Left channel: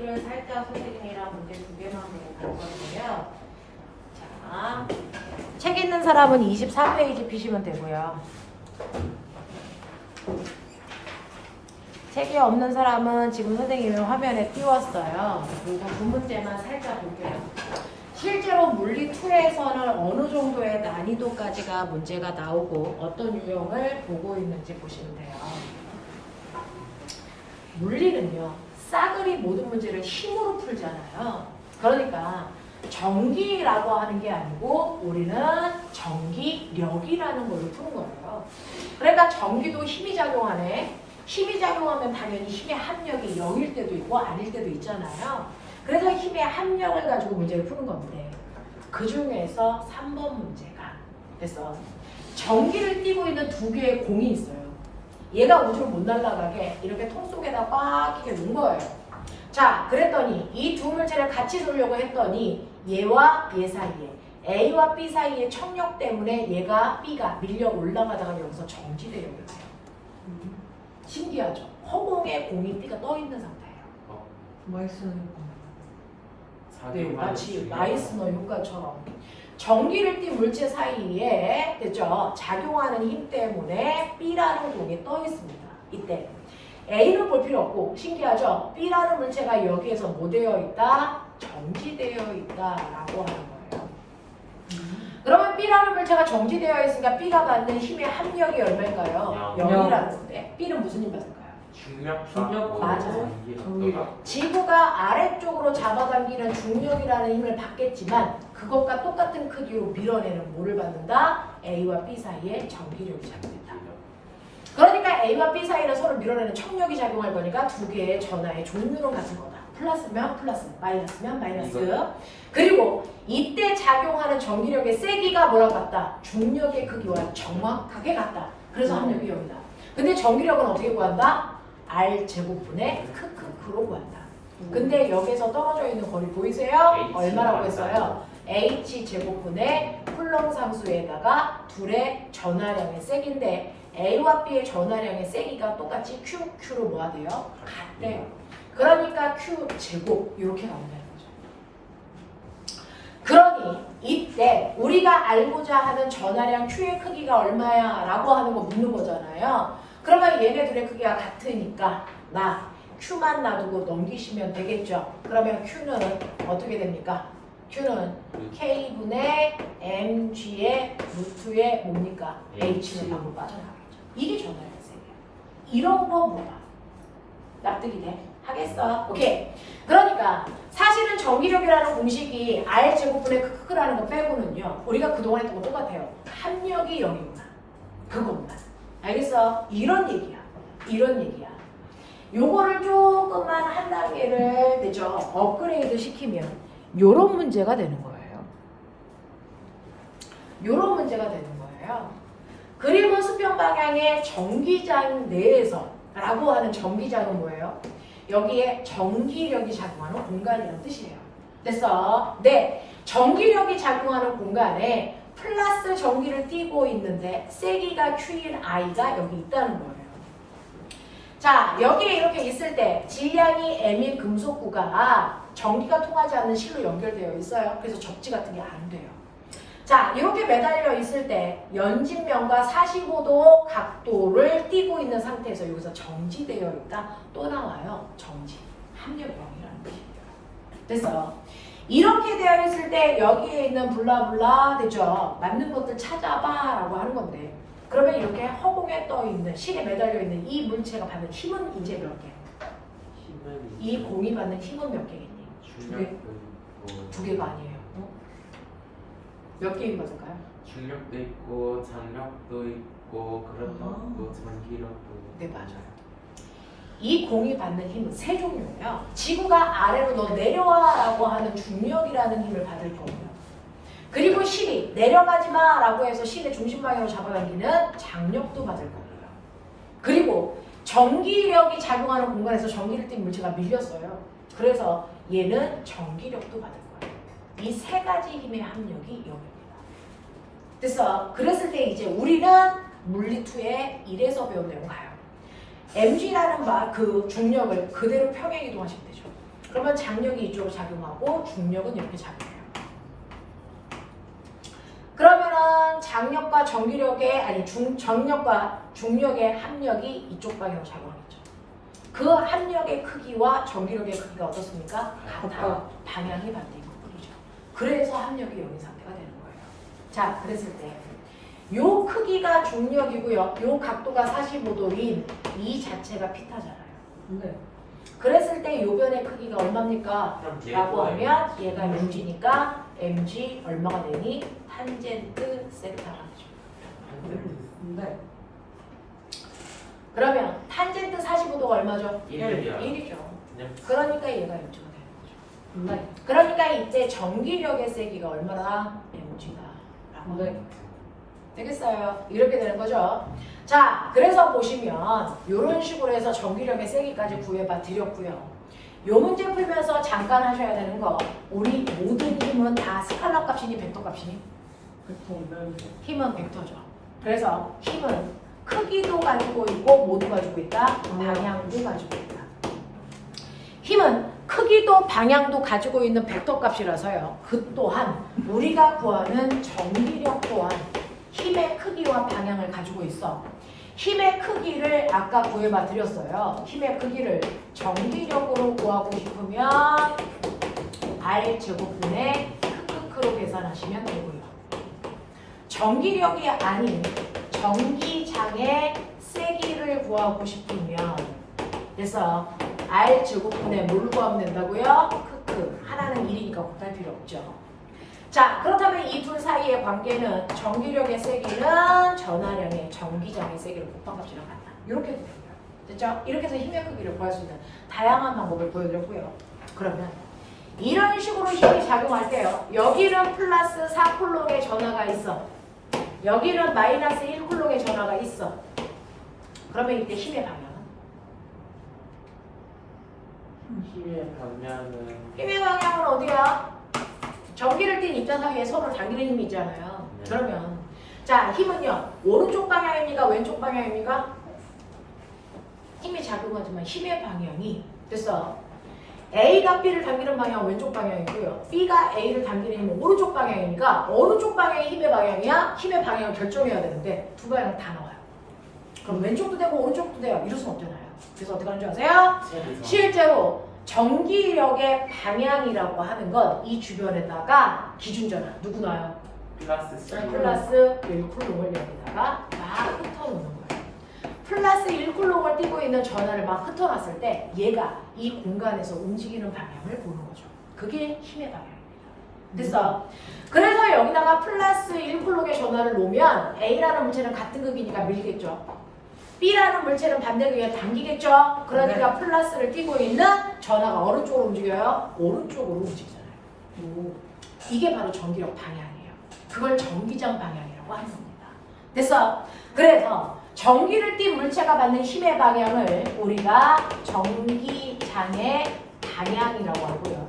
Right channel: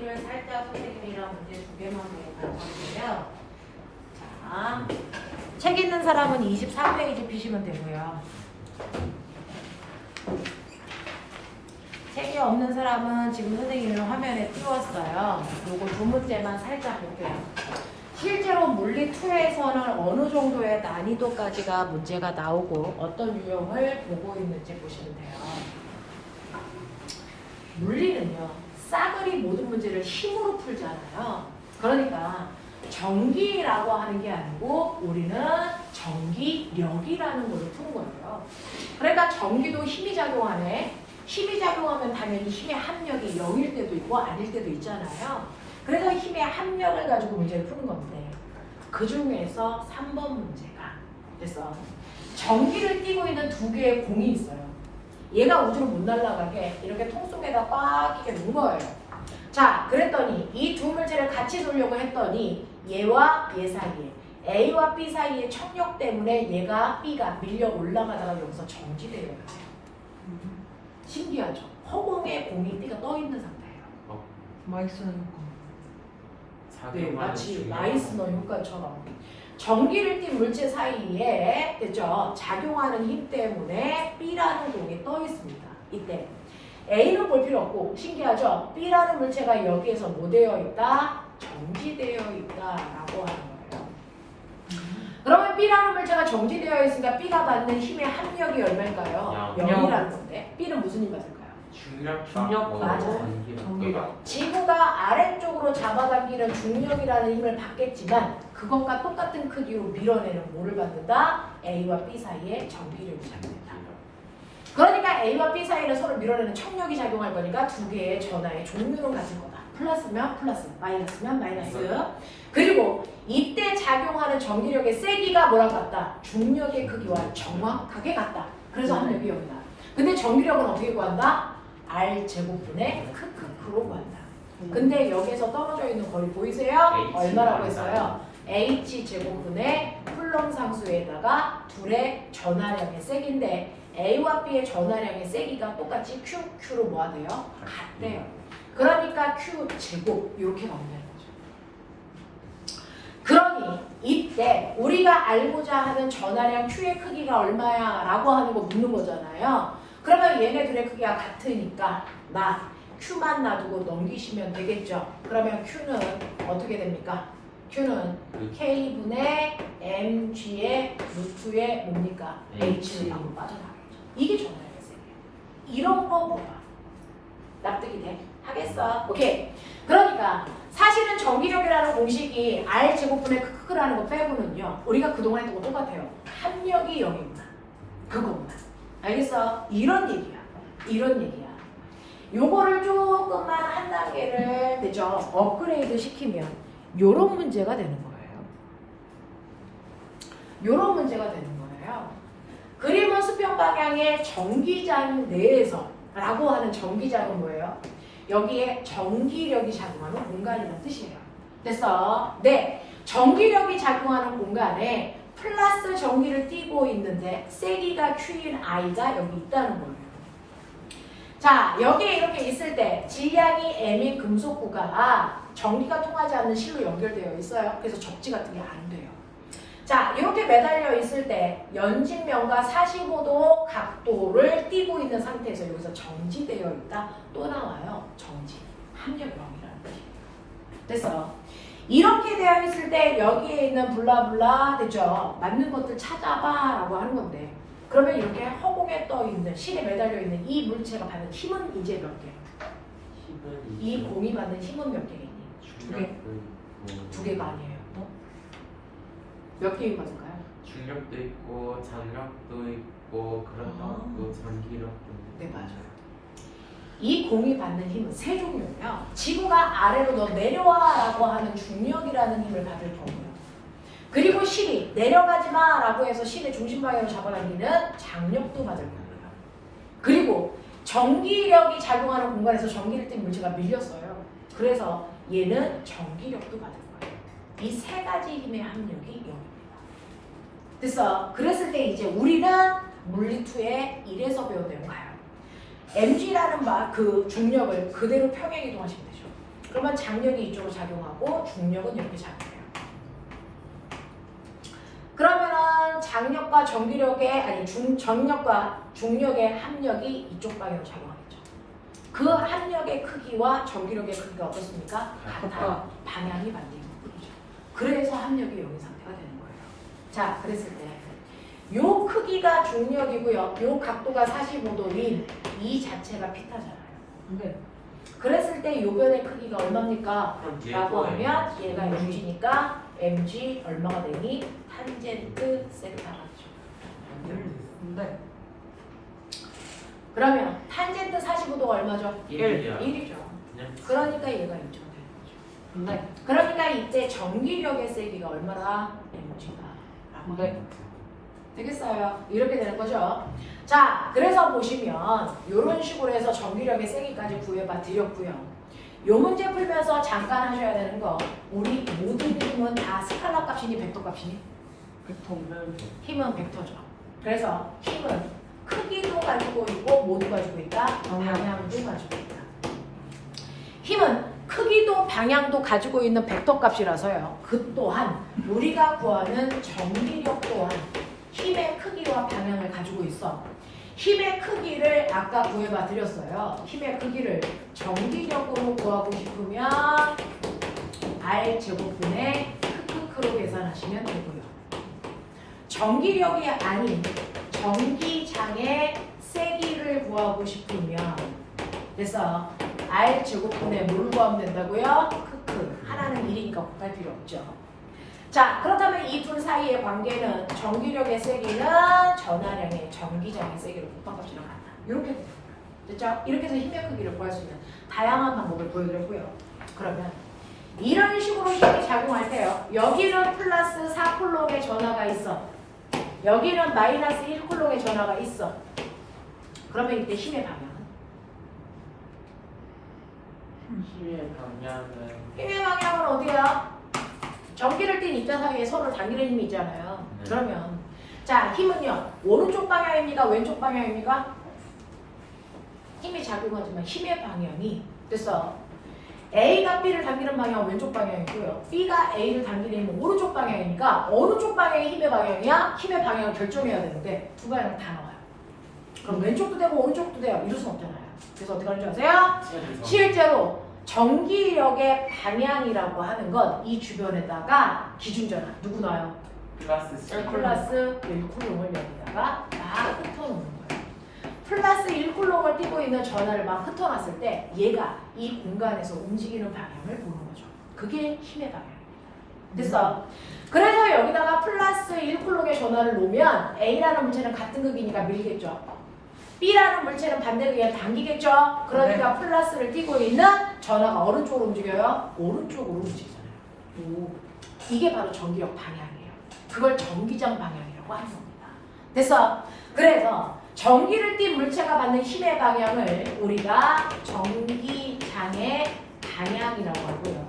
A를 살짝 선생님이랑 문제 두 개만 배워볼 건데요. 자, 책 있는 사람은 24페이지 피시면 되고요. 책이 없는 사람은 지금 선생님이 화면에 띄웠어요. 요거 두 문제만 살짝 볼게요. 실제로 물리 2에서는 어느 정도의 난이도까지가 문제가 나오고 어떤 유형을 보고 있는지 보시면 돼요. 물리는요, 싸그리 모든 문제를 힘으로 풀잖아요. 그러니까 전기라고 하는 게 아니고 우리는 전기력이라는 걸로 푸는 거예요. 그러니까 전기도 힘이 작용하네. 힘이 작용하면 당연히 힘의 합력이 0일 때도 있고 아닐 때도 있잖아요. 그래서 힘의 합력을 가지고 문제를 푸는 건데 그 중에서 3번 문제가 그래서 전기를 띠고 있는 두 개의 공이 있어요. 얘가 우주로 못 날아가게 이렇게 통 속에다 꽉 이렇게 넣은 거예요. 자, 그랬더니 이 두 물체를 같이 두려고 했더니 얘와 얘 사이에 A와 B 사이의 청력 때문에 얘가 B가 밀려 올라가다가 여기서 정지되어 있어요. 신기하죠? 허공에 공이 B가 떠 있는 상태예요. 마이스너 효과. 네, 마치 마이스너 효과처럼 전기를 띤 물체 사이에 됐죠? 작용하는 힘 때문에 B라는 공이 떠 있습니다. 이때 A는 볼 필요 없고 신기하죠? B라는 물체가 여기에서 뭐 되어 있다? 정지되어 있다라고 하는 거예요. 그러면 B라는 물체가 정지되어 있으니까 B가 받는 힘의 합력이 얼마일까요? 0이라는 건데 B는 무슨 힘 받을까요? 중력. 맞아요. 전기력. 지구가 아래쪽으로 잡아당기는 중력이라는 힘을 받겠지만 그것과 똑같은 크기로 밀어내는 뭐를 받는다? A와 B 사이에 전기력이 작용된다. 그러니까 A와 B 사이를 서로 밀어내는 청력이 작용할 거니까 두 개의 전하의 종류는 같을 거다. 플러스면 플러스, 마이너스면 마이너스. 그리고 이때 작용하는 전기력의 세기가 뭐랑 같다? 중력의 크기와 정확하게 같다. 그래서 합력이 0이다. 근데 전기력은 어떻게 구한다? R 제곱분의 크크크로 구한다. 근데 여기서 떨어져 있는 거리 보이세요? 얼마라고 했어요? H 제곱분의 쿨롱 상수에다가 둘의 전하량의 세기인데 A와 B의 전하량의 세기가 똑같이 QQ로 뭐가 돼요? 같대요. 그러니까 Q 제곱 이렇게 가면 되는 거죠. 그러니 이때 우리가 알고자 하는 전하량 Q의 크기가 얼마야? 라고 하는 거 묻는 거잖아요. 그러면 얘네들의 크기가 같으니까 나 Q만 놔두고 넘기시면 되겠죠. 그러면 Q는 어떻게 됩니까? Q는 K분의 mg의 루트의 뭡니까? H는 방금 빠져나가겠죠. 이게 전하량의 세기예요. 이런 거 뭐야? 납득이 돼? 하겠어? 오케이. 그러니까 사실은 전기력이라는 공식이 R제곱분의 크크라는 거 빼고는요. 우리가 그동안 했던 거 똑같아요. 합력이 0이구나. 그거구나. 알겠어? 이런 얘기야. 이런 얘기야. 요거를 조금만 한 단계를 되죠. 업그레이드 시키면 요런 문제가 되는 거예요. 요런 문제가 되는 거예요. 그리고 수평 방향의 전기장 내에서 라고 하는 전기장은 뭐예요? 여기에 전기력이 작용하는 공간이라는 뜻이에요. 됐어? 네. 전기력이 작용하는 공간에 플러스 전기를 띠고 있는데 세기가 Q인 I가 여기 있다는 거예요. 자, 여기에 이렇게 있을 때 질량이 M인 금속구가 전기가 통하지 않는 실로 연결되어 있어요. 그래서 접지 같은 게 안 돼요. 자, 이렇게 매달려 있을 때 연직면과 45도 각도를 띠고 있는 상태에서 여기서 정지되어 있다. 또 나와요. 정지. 합력 0이라는 뜻이에요. 됐어? 이렇게 되어 있을 때 여기에 있는 블라블라 되죠? 맞는 것들 찾아봐 라고 하는 건데 그러면 이렇게 허공에 떠 있는 실에 매달려 있는 이 물체가 받는 힘은 이제 몇 개? 이 공이 받는 힘은 몇 개겠니? 두 개? 두 개가 아니에요. 몇 개인 것일까요? 중력도 있고 장력도 있고 그렇고 전기력도. 네, 맞아요. 이 공이 받는 힘은 세 종류예요. 지구가 아래로 너 내려와 라고 하는 중력이라는 힘을 받을 거고요. 그리고 실이 내려가지 마 라고 해서 실의 중심 방향으로 잡아당기는 장력도 받을 거고요. 그리고 전기력이 작용하는 공간에서 전기를 띈 물체가 밀렸어요. 그래서 얘는 전기력도 받을 거예요. 이 세 가지 힘의 합력이 0입니다. 됐어? 그랬을 때 이제 우리는 물리2의 1에서 배운 내용 가요. mg라는 그 중력을 그대로 평행 이동하시면 되죠. 그러면 장력이 이쪽으로 작용하고 중력은 이렇게 작용해요. 그러면은 장력과 전기력의 전력과 중력의 합력이 이쪽 방향으로 작용하겠죠. 그 합력의 크기와 전기력의 크기가 어떻습니까? 같아요. 방향이 반대인 거죠. 그래서 합력이 여기 상태가 되는 거예요. 자, 그랬을 때 요 크기가 중력이고요. 요 각도가 45도인 이 자체가 피타잖아요. 네. 그랬을 때 요 변의 크기가 얼마입니까? 라고 하면 얘가 mg니까 mg 얼마가 되니? 탄젠트 세타가 되죠. 네. 그러면 탄젠트 45도가 얼마죠? 1이요. 1이죠. 그러니까 얘가 1가 되는 거죠. 네. 그러니까 이때 전기력의 세기가 얼마나? mg다. 라고 네. 되겠어요? 이렇게 되는 거죠. 자, 그래서 보시면 이런 식으로 해서 전기력의 세기까지 구해봐 드렸고요. 요 문제 풀면서 잠깐 하셔야 되는 거, 우리 모든 힘은 다 스칼라 값이니 벡터 값이니? 힘은 벡터죠. 그래서 힘은 크기도 가지고 있고 모두 가지고 있다. 방향도 가지고 있다. 힘은 크기도 방향도 가지고 있는 벡터 값이라서요. 그 또한 우리가 구하는 전기력 또한 힘의 크기와 방향을 가지고 있어. 힘의 크기를 아까 구해봐 드렸어요. 힘의 크기를 전기력으로 구하고 싶으면 R제곱분의 크크크로 계산하시면 되고요. 전기력이 아닌 전기장의 세기를 구하고 싶으면 그래서 R제곱분의 뭘 구하면 된다고요? 크크. 하나는 1이니까 곱할 필요 없죠. 자, 그렇다면 이 둘 사이의 관계는 전기력의 세기는 전하량의 전기장의 세기를 곱한 것이랑 같다. 이렇게 됩니다. 됐죠? 이렇게 해서 힘의 크기를 구할 수 있는 다양한 방법을 보여드렸고요. 그러면 이런 식으로 힘이 작용할 때요. 여기는 플러스 4쿨롱의 전하가 있어. 여기는 마이너스 1쿨롱의 전하가 있어. 그러면 이때 힘의 방향은? 힘의 방향은 어디야? 전기를 띤 이타상에 서로 당기는 힘이 있잖아요. 그러면 자, 힘은요. 오른쪽 방향입니까? 왼쪽 방향입니까? 힘이 작용하지만 힘의 방향이 됐어. A가 B를 당기는 방향은 왼쪽 방향이고요. B가 A를 당기는 힘은 오른쪽 방향이니까 어느 쪽 방향이 힘의 방향이야? 힘의 방향을 결정해야 되는데 두 방향 다 나와요. 그럼 왼쪽도 되고 오른쪽도 돼요. 이럴 순 없잖아요. 그래서 어떻게 하는 줄 아세요? 실제로 전기력의 방향이라고 하는 건 이 주변에다가 기준전화 누구 놔요? 플러스 1쿨롱을 여기다가 막 흩어놓는 거예요. 플러스 1쿨롱을 띄고 있는 전화를 막 흩어놨을 때 얘가 이 공간에서 움직이는 방향을 보는 거죠. 그게 힘의 방향입니다. 됐어? 그래서 여기다가 플러스 1쿨롱의 전화를 놓으면 A라는 물체는 같은 극이니까 밀겠죠. B라는 물체는 반대극에 당기겠죠. 그러니까 플러스를 띄고 있는 전하가 어느 쪽으로 움직여요? 오른쪽으로 움직이잖아요. 이게 바로 전기력 방향이에요. 그걸 전기장 방향이라고 하는 겁니다. 됐어? 그래서 전기를 띤 물체가 받는 힘의 방향을 우리가 전기장의 방향이라고 하고요.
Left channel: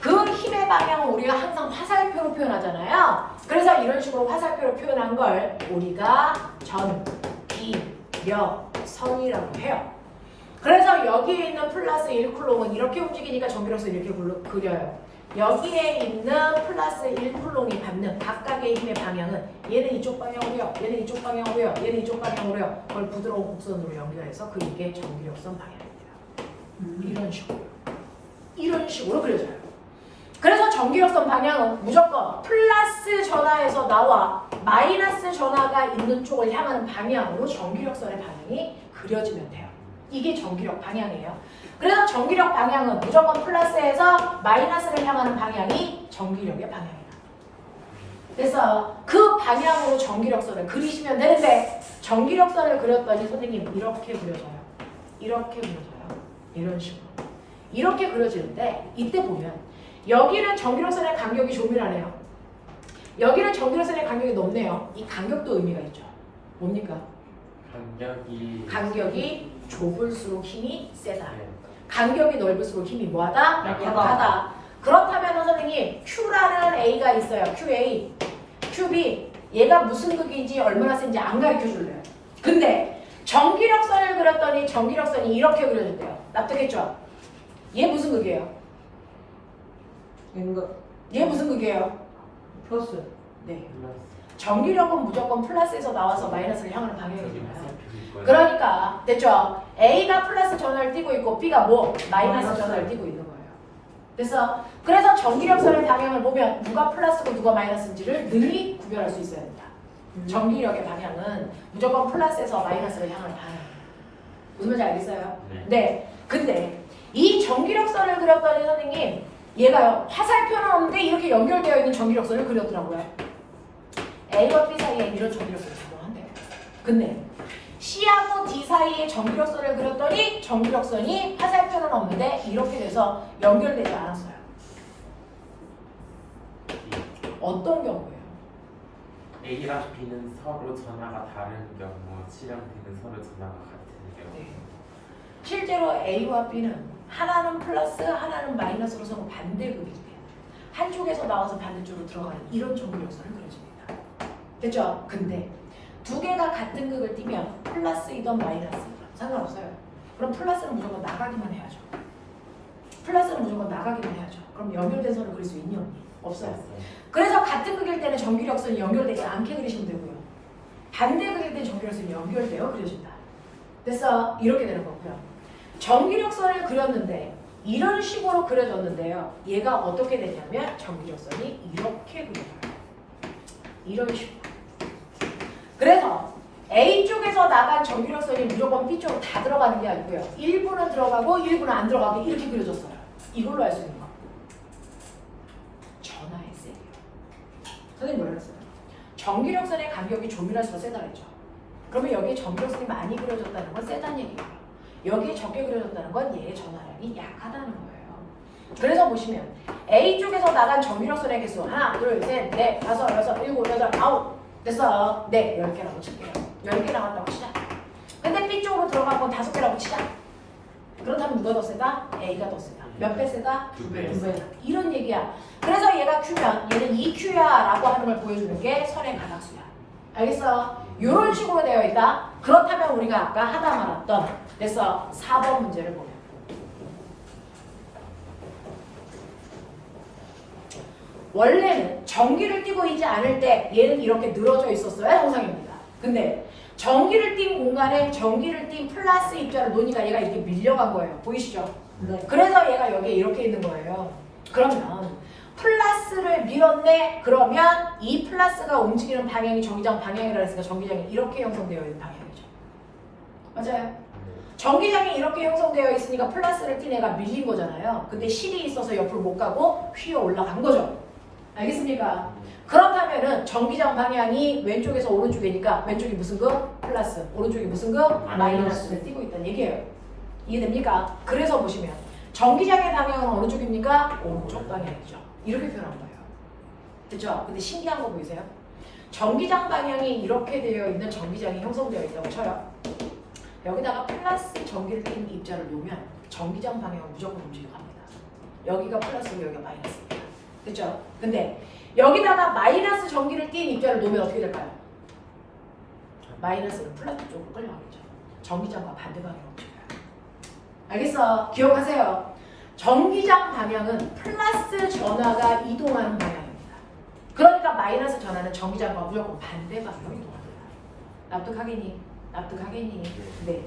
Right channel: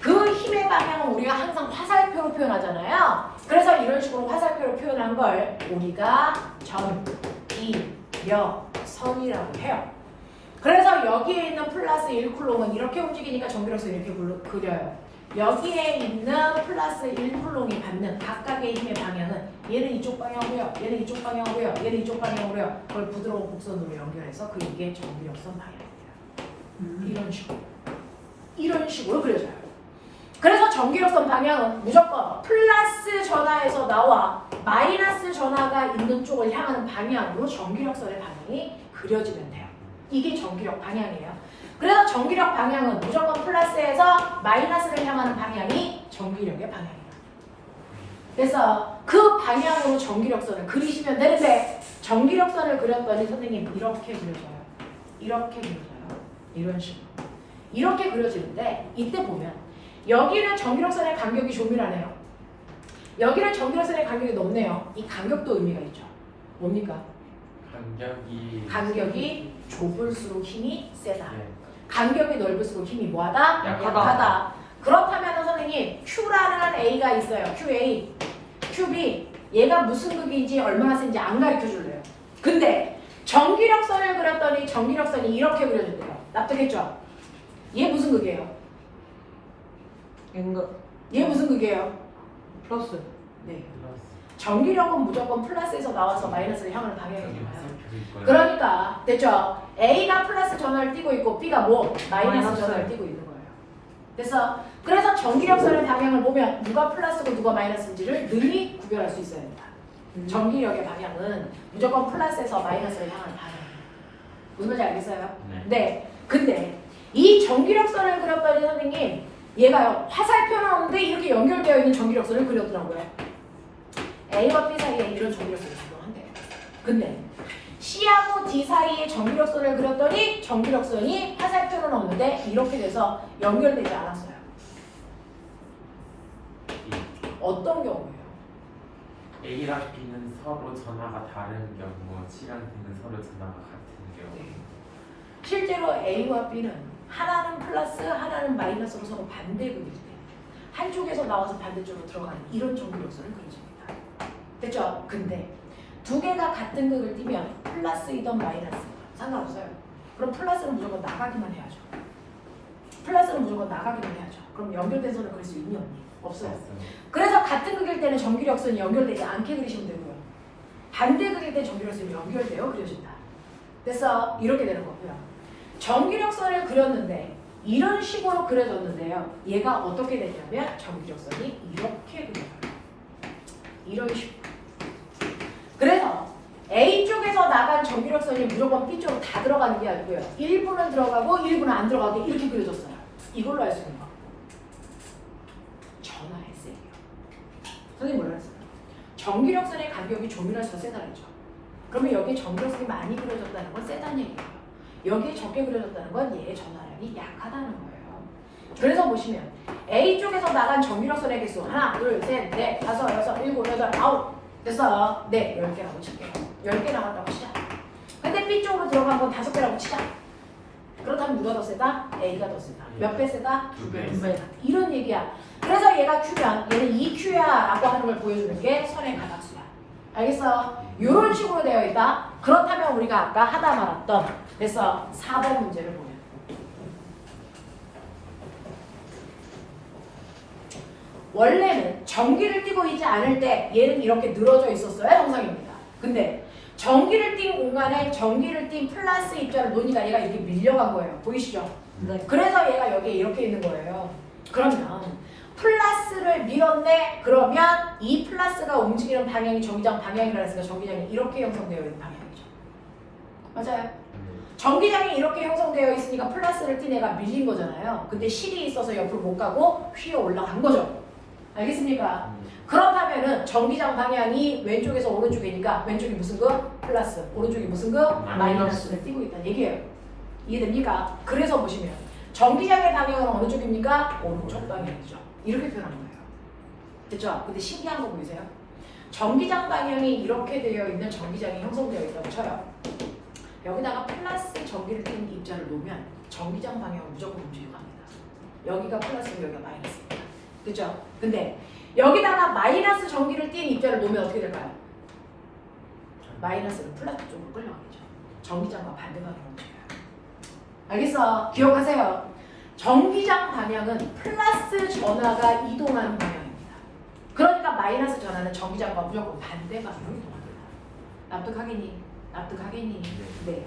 그 힘의 방향은 우리가 항상 화살표로 표현하잖아요. 그래서 이런 식으로 화살표로 표현한 걸 우리가 전기력선이라고 해요. 그래서 여기에 있는 플러스 1쿨롱은 이렇게 움직이니까 전기력선 이렇게 그려요. 여기에 있는 플러스 1쿨롱이 받는 각각의 힘의 방향은 얘는 이쪽 방향으로요, 얘는 이쪽 방향으로요, 얘는 이쪽 방향으로요. 그걸 부드러운 곡선으로 연결해서 그게 전기력선 방향입니다. 이런 식으로 그려져요. 그래서 전기력선 방향은 무조건 플러스 전하에서 나와 마이너스 전하가 있는 쪽을 향하는 방향으로 전기력선의 방향이 그려지면 돼요. 이게 전기력 방향이에요. 그래서 전기력 방향은 무조건 플러스에서 마이너스를 향하는 방향이 전기력의 방향이에요. 그래서 그 방향으로 전기력선을 그리시면 되는데 전기력선을 그렸더니 선생님 이렇게 그려져요. 이렇게 그려져요. 이런 식으로. 이렇게 그려지는데 이때 보면 여기는 전기력선의 간격이 조밀하네요. 여기는 전기력선의 간격이 높네요. 이 간격도 의미가 있죠. 뭡니까? 간격이 좁을수록 힘이 세다. 간격이 넓을수록 힘이 뭐하다? 약하다. 그렇다면 선생님 Q라는 A가 있어요. QA, QB 얘가 무슨 극인지 얼마나 센지 안 가르쳐 줄래요. 근데 전기력선을 그렸더니 전기력선이 이렇게 그려진대요. 납득했죠? 얘 무슨 극이에요? N가 얘 무슨 극이에요? 플러스. 네. 전기력은 무조건 플러스에서 나와서 마이너스를 향하는 저기 방향이잖아요. 화살표 있고요. 그러니까 됐죠? A가 플러스 전화를 띄고 있고 B가 뭐? 마이너스 마이너스. 전화를 띄고 있는 거예요. 그래서 전기력선의 방향을 보면 누가 플러스고 누가 마이너스인지를 능히 구별할 수 있어야 된다. 전기력의 방향은 무조건 플러스에서 마이너스를 향하는 방향이에요. 무슨 말인지 알겠어요? 네. 네. 근데 이 전기력선을 그렸더니 선생님 얘가요 화살표는 없는데 이렇게 연결되어 있는 전기력선을 그렸더라고요. A와 B 사이에 이런 전기력선이 작동한대요. 근데 C하고 D 사이에 전기력선을 그렸더니 전기력선이 화살표는 없는데 이렇게 돼서 연결되지 않았어요. 어떤 경우예요? A랑 B는 서로 전화가 다른 경우, C랑 D는 서로 전화가 같은 경우. 네. 실제로 A와 B는 하나는 플러스 하나는 마이너스로 서로 반대극이기 때문에 한쪽에서 나와서 반대쪽으로 들어가는 이런 전기력선을 그려줍니다. 됐죠? 근데 두 개가 같은 극을 띄면 플러스이든 마이너스이든 상관없어요. 그럼 플러스는 무조건 나가기만 해야죠. 플러스는 무조건 나가기만 해야죠. 그럼 연결된 선을 그릴 수 있니 없니? 없어요. 그래서 같은 극일 때는 전기력선이 연결되지 않게 그리시면 되고요. 반대 극일 때는 전기력선이 연결되어 그려진다. 됐어? 이렇게 되는 거고요. 전기력선을 그렸는데 이런 식으로 그려졌는데요. 얘가 어떻게 되냐면 전기력선이 이렇게 그려져요. 이런 식으로. 그래서 A쪽에서 나간 전기력선이 무조건 B쪽으로 다 들어가는 게 아니고요. 일부는 들어가고 일부는 안 들어가게 이렇게 그려졌어요. 이걸로 알 수 있는 거. 전하의 세기. 선생님 뭐라 그랬어요? 전기력선의 간격이 조밀할수록 세다고 했죠. 그러면 여기에 전기력선이 많이 그려졌다는 건 세다는 얘기예요. 여기에 적게 그려졌다는 건 얘의 전하량이 약하다는 거예요. 그래서 보시면 A쪽에서 나간 전기력선의 개수 하나, 둘, 셋, 넷, 다섯, 여섯, 일곱, 여덟, 아홉 됐어요. 네, 10개라고 칠게요. 10개 나왔다고 치자. 근데 B쪽으로 들어간 건 5개라고 치자. 그렇다면 누가 더 세다? A가 더 세다. 몇 배 세다? 두 배. 2배. 이런 얘기야. 그래서 얘가 Q면 얘는 2Q야 라고 하는 걸 보여주는 게 선의 가닥수야. 알겠어? 이런 식으로 되어 있다. 그렇다면 우리가 아까 하다 말았던 그래서 4번 문제를 보면 원래는 전기를 띠고 있지 않을 때 얘는 이렇게 늘어져 있었어야 정상입니다. 근데 전기를 띈 공간에 전기를 띈 플러스 입자를 놓으니까 얘가 이렇게 밀려간 거예요. 보이시죠? 네. 그래서 얘가 여기에 이렇게 있는 거예요. 그러면 플러스를 밀었네? 그러면 이 플러스가 움직이는 방향이 전기장 방향이라 했으니까 전기장이 이렇게 형성되어 있는 방향이죠. 맞아요? 전기장이 이렇게 형성되어 있으니까 플러스를 띈 애가 밀린 거잖아요. 근데 실이 있어서 옆으로 못 가고 휘어 올라간 거죠. 알겠습니까? 그렇다면은 전기장 방향이 왼쪽에서 오른쪽이니까 왼쪽이 무슨 거? 플러스. 오른쪽이 무슨 거? 마이너스를 띄고 있다는 얘기예요. 이해됩니까? 그래서 보시면 전기장의 방향은 어느 쪽입니까? 오른쪽 방향이죠. 이렇게 표현한 거예요. 됐죠? 근데 신기한 거 보이세요? 전기장 방향이 이렇게 되어 있는 전기장이 형성되어 있다고 쳐요. 여기다가 플러스 전기를 띈 입자를 놓으면 전기장 방향은 무조건 움직여갑니다. 여기가 플러스고 여기가 마이너스입니다. 그죠? 근데 여기다가 마이너스 전기를 띈 입자를 놓으면 어떻게 될까요? 마이너스는 플러스 쪽으로 끌려가겠죠. 전기장과 반대 방향으로 움직여요. 알겠어? 기억하세요. 전기장 방향은 플러스 전하가 이동하는 방향입니다. 그러니까 마이너스 전하는 전기장과 무조건 반대 방향으로 이동합니다. 납득하겠니? 납득하겠니? 네.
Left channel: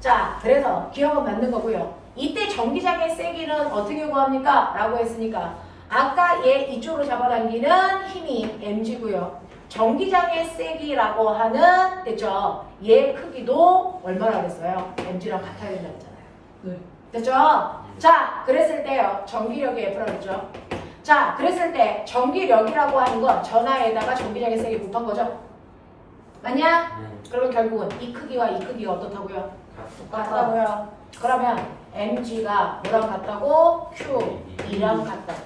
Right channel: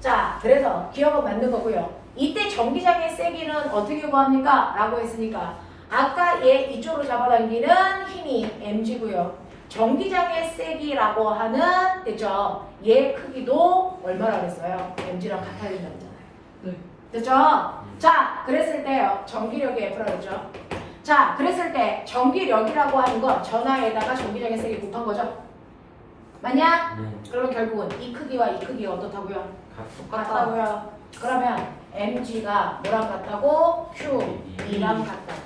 자, 그래서 기억은 맞는 거고요. 이때 전기장의 세기는 어떻게 구합니까? 라고 했으니까 아까 얘 이쪽으로 잡아당기는 힘이 mg고요. 전기장의 세기라고 하는 됐죠? 얘 크기도 얼마나 그랬어요? mg랑 같아야 된다고 했잖아요. 네. 됐죠? 자, 그랬을 때요. 전기력이 F라고 했죠? 자, 그랬을 때 전기력이라고 하는 건 전하에다가 전기장의 세기 곱한 거죠? 맞냐? 그러면 결국은 이 크기와 이 크기가 어떻다고요? 같다고요. 그러면 mg가 뭐랑 같다고? q이랑 같다고.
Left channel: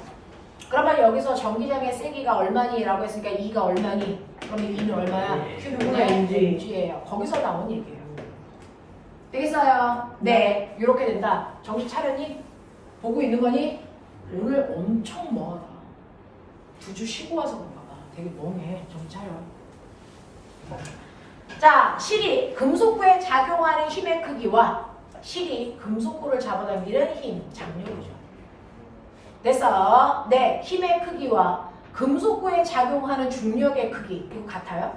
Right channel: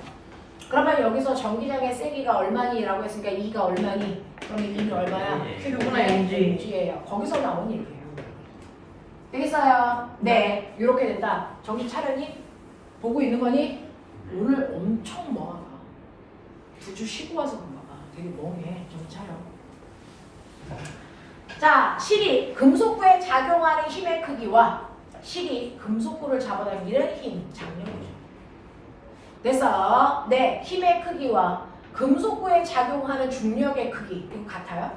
그러면 여기서 전기장의 세기가 얼마니? 라고 했으니까 2가 얼마니? 그러면 2는 얼마야? q는 mg예요. 거기서 나온 얘기예요. 되겠어요? 네. 이렇게 된다. 정신 차려니? 보고 있는 거니? 오늘 엄청 멍하다. 2주 쉬고 와서 그런가 봐. 되게 멍해. 정신 차려. 자, 실이 금속부에 작용하는 힘의 크기와 실이 금속구를 잡아당기는 힘, 장력이죠. 됐어. 네, 힘의 크기와 금속구에 작용하는 중력의 크기 이거 같아요?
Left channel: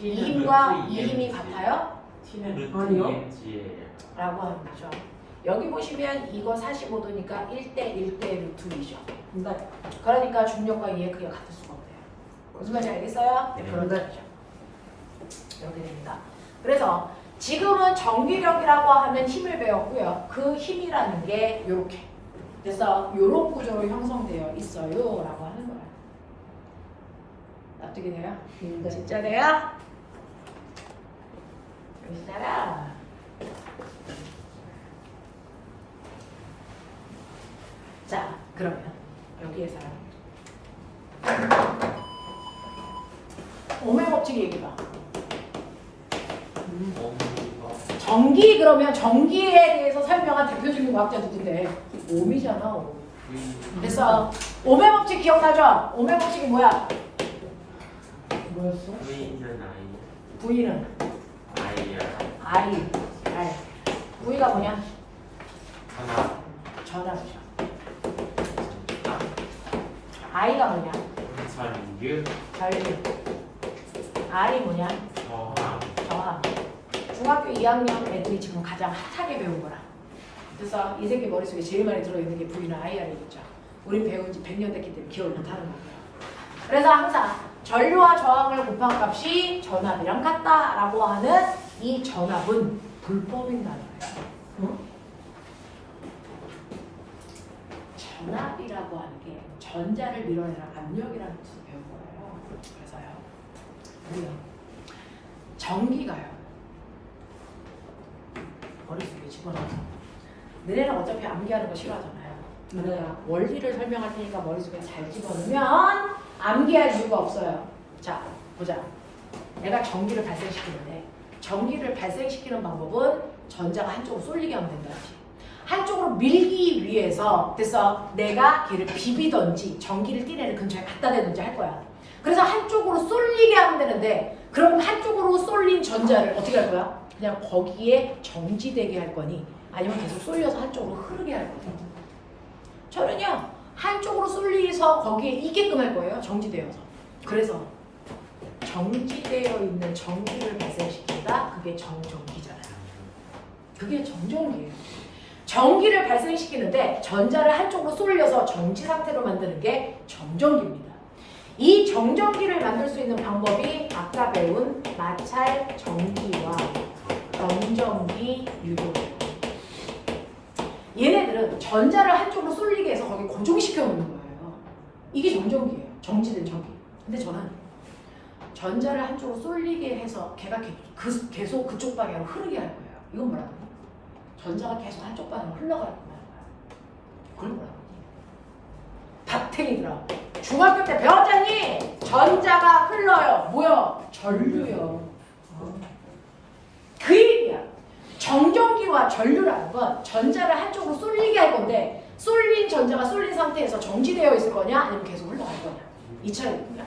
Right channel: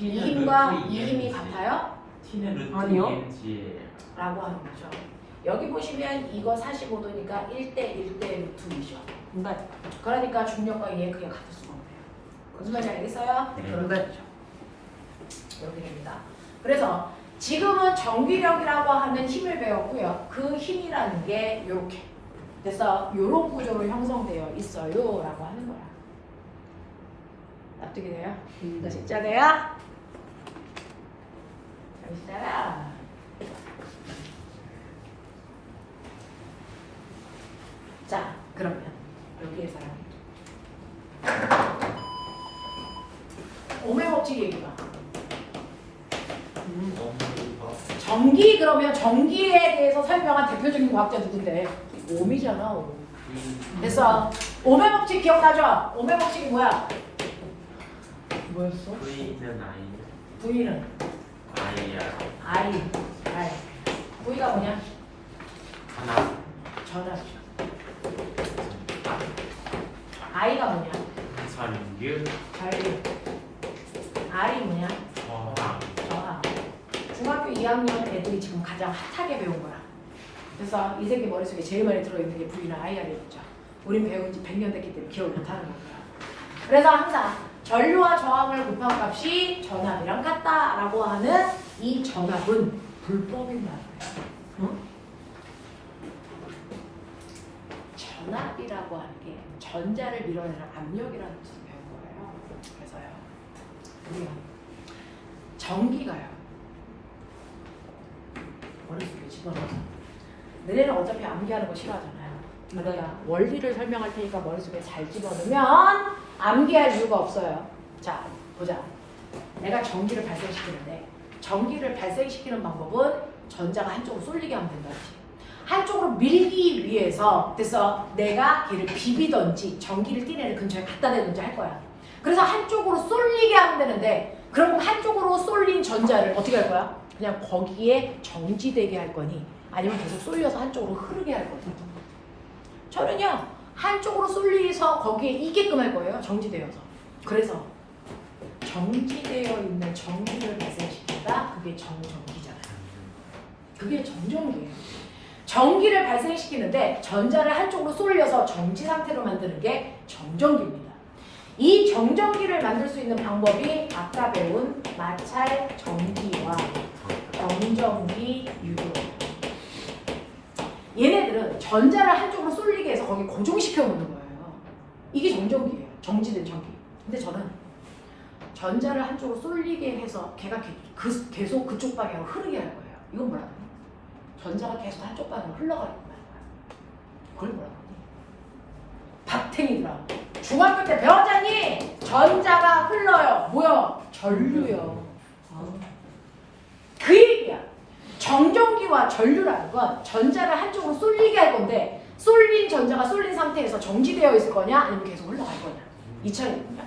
이 힘과 이 힘이 같아요? T는 아니요. 라고 하는 거죠. 여기 보시면 이거 45도니까 1대 1대 루트 2죠. 네. 그러니까 중력과 얘의 크기가 같을 수가 없네요. 무슨 말인지 알겠어요? 네, 그런 네. 거죠. 이렇게 됩니다. 그래서 지금은 전기력이라고 하는 힘을 배웠고요. 그 힘이라는 게 이렇게. 그래서 이런 구조로 형성되어 있어요. 라고 하는 거야. 납득이 돼요? 이거 진짜 돼요? 여기다가 자, 그러면 여기에서 오메 법칙 얘기해봐. 전기 그러면 전기에 대해서 설명한 대표적인 과학자 누군데? 오미잖아. 옴. 그래서 오메 법칙 기억나죠? 오메 법칙이 뭐야? 뭐였어? V는 I. V가 뭐냐? 전압이죠. I가 뭐냐? 전류. R이 뭐냐? 저항. 중학교 2학년 애들이 지금 가장 핫하게 배운 거라. 그래서 이 새끼 머릿속에 제일 많이 들어있는 게 V나 IR이겠죠. 우린 배운 지 100년 됐기 때문에 기억을 못하는 거예요. 그래서 항상 전류와 저항을 곱한 값이 전압이랑 같다라고 하는 이 전압은 불법인 말이에요. 응? 전압이라고 하는 게 전자를 밀어내는 압력이라는 뜻을 배운 거예요. 그래서요. 우리가 전기가요. 머릿속에 집어넣어서 너네는 어차피 암기하는 거 싫어하잖아요. 내가 원리를 설명할 테니까 머릿속에 잘 집어넣으면 암기할 이유가 없어요. 자, 보자. 내가 전기를 발생시키는데 전기를 발생시키는 방법은 전자가 한쪽으로 쏠리게 하면 된다. 한쪽으로 밀기 위해서 그래서 내가 걔를 비비던지 전기를 띠내는 근처에 갖다 대든지 할 거야. 그래서 한쪽으로 쏠리게 하면 되는데 그럼 한쪽으로 쏠린 전자를 어떻게 할 거야? 그냥 거기에 정지되게 할 거니 아니면 계속 쏠려서 한쪽으로 흐르게 할 거니. 저는요 한쪽으로 쏠려서 거기에 이게끔 할 거예요. 정지되어서. 그래서 정지되어 있는 전기를 발생시킨다. 그게 정전기잖아요. 그게 정전기예요. 전기를 발생시키는데 전자를 한쪽으로 쏠려서 정지 상태로 만드는 게 정전기입니다. 이 정전기를 만들 수 있는 방법이 아까 배운 마찰 전기와 정전기 유도예요. 얘네들은 전자를 한쪽으로 쏠리게 해서 거기 고정시켜 놓는 거예요. 이게 정전기예요. 정지된 전기. 근데 저는 전자를 한쪽으로 쏠리게 해서 걔가 계속 그쪽 방향으로 흐르게 할 거예요. 이건 뭐라고? 전자가 계속 한쪽 방향으로 흘러가는 거야. 그걸 뭐라고? 박탱이들아. 중학교 때 배웠잖니? 전자가 흘러요. 뭐야? 전류요. 그 얘기야. 정전기와 전류라는 건 전자를 한쪽으로 쏠리게 할 건데 쏠린 전자가 쏠린 상태에서 정지되어 있을 거냐 아니면 계속 흘러갈 거냐 이 차이입니다.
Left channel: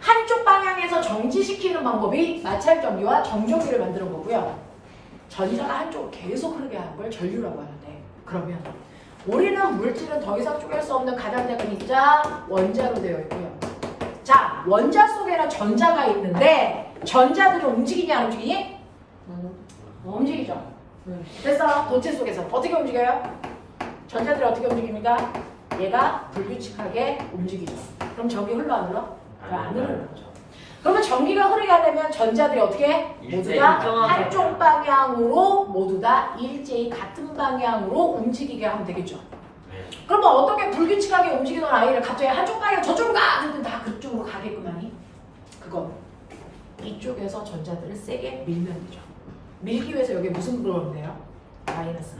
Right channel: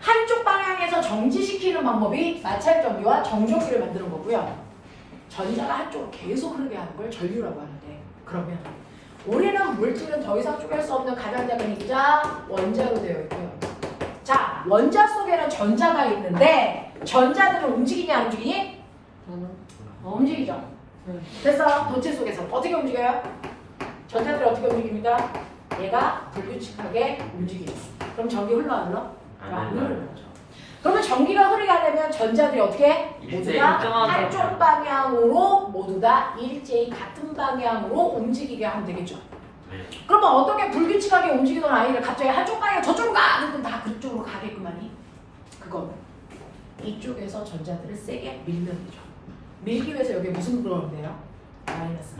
한쪽 방향에서 정지시키는 방법이 마찰 전기와 정전기를 만드는 거고요. 전자가 한쪽으로 계속 흐르게 하는 걸 전류라고 하는데 그러면 우리는 물질은 더 이상 쪼갤 수 없는 가장 작은 입자 원자로 되어 있고요. 자, 원자 속에는 전자가 있는데 전자들은 움직이냐 안 움직이니? 움직이죠. 그래서 도체 속에서 어떻게 움직여요? 전자들이 어떻게 움직입니까? 얘가 불규칙하게 움직이죠. 그럼 전기 흘러 안 흘러? 안 흐르는 거죠. 그러면 전기가 흐르게 하려면 전자들이 어떻게? 모두 다 한쪽 방향으로 모두 다 일제히 같은 방향으로 움직이게 하면 되겠죠. 그러면 어떻게 불규칙하게 움직이던 아이를 갑자기 한쪽 방향 저쪽으로 가! 그러면 다 그쪽으로 가게끔하니? 그건 이쪽에서 전자들을 세게 밀면 되죠. 밀기 위해서 여기 무슨 들어오면 돼요? 마이너스.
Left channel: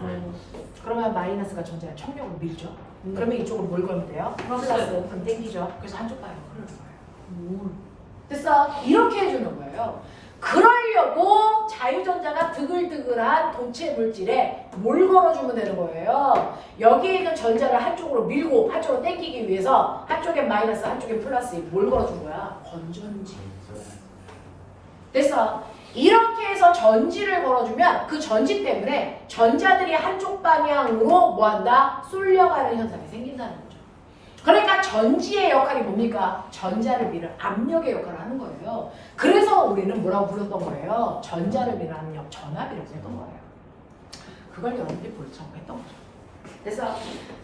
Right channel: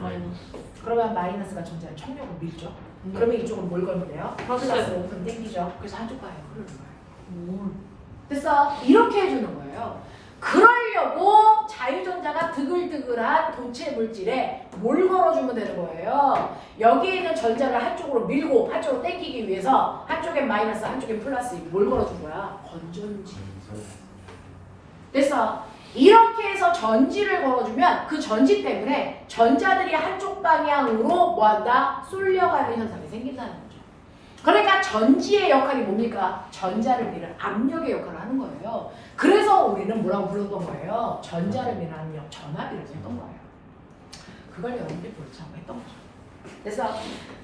그러면 마이너스가 전자를 청력으로 밀죠. 그러면 이쪽은 뭘 걸면 돼요? 플러스. 그럼 땡기죠. 그래서 한쪽 방향으로 흐르는 거예요. 됐어? 이렇게 해주는 거예요. 그러려고 자유전자가 드글드글한 도체 물질에 뭘 걸어주면 되는 거예요. 여기에 있는 전자를 한쪽으로 밀고 한쪽으로 땡기기 위해서 한쪽엔 마이너스 한쪽엔 플러스 뭘 걸어준 거야? 건전지. 됐어? 이렇게 해서 전지를 걸어주면 그 전지 때문에 전자들이 한쪽 방향으로 뭐한다? 쏠려가는 현상이 생긴다는 거죠. 그러니까 전지의 역할이 뭡니까? 전자를 미는 압력의 역할을 하는 거예요. 그래서 우리는 뭐라고 불렀던 거예요? 전자를 미는 압력, 전압이라고 했던 거예요. 그걸 여러분들이 보려고 했던 거죠.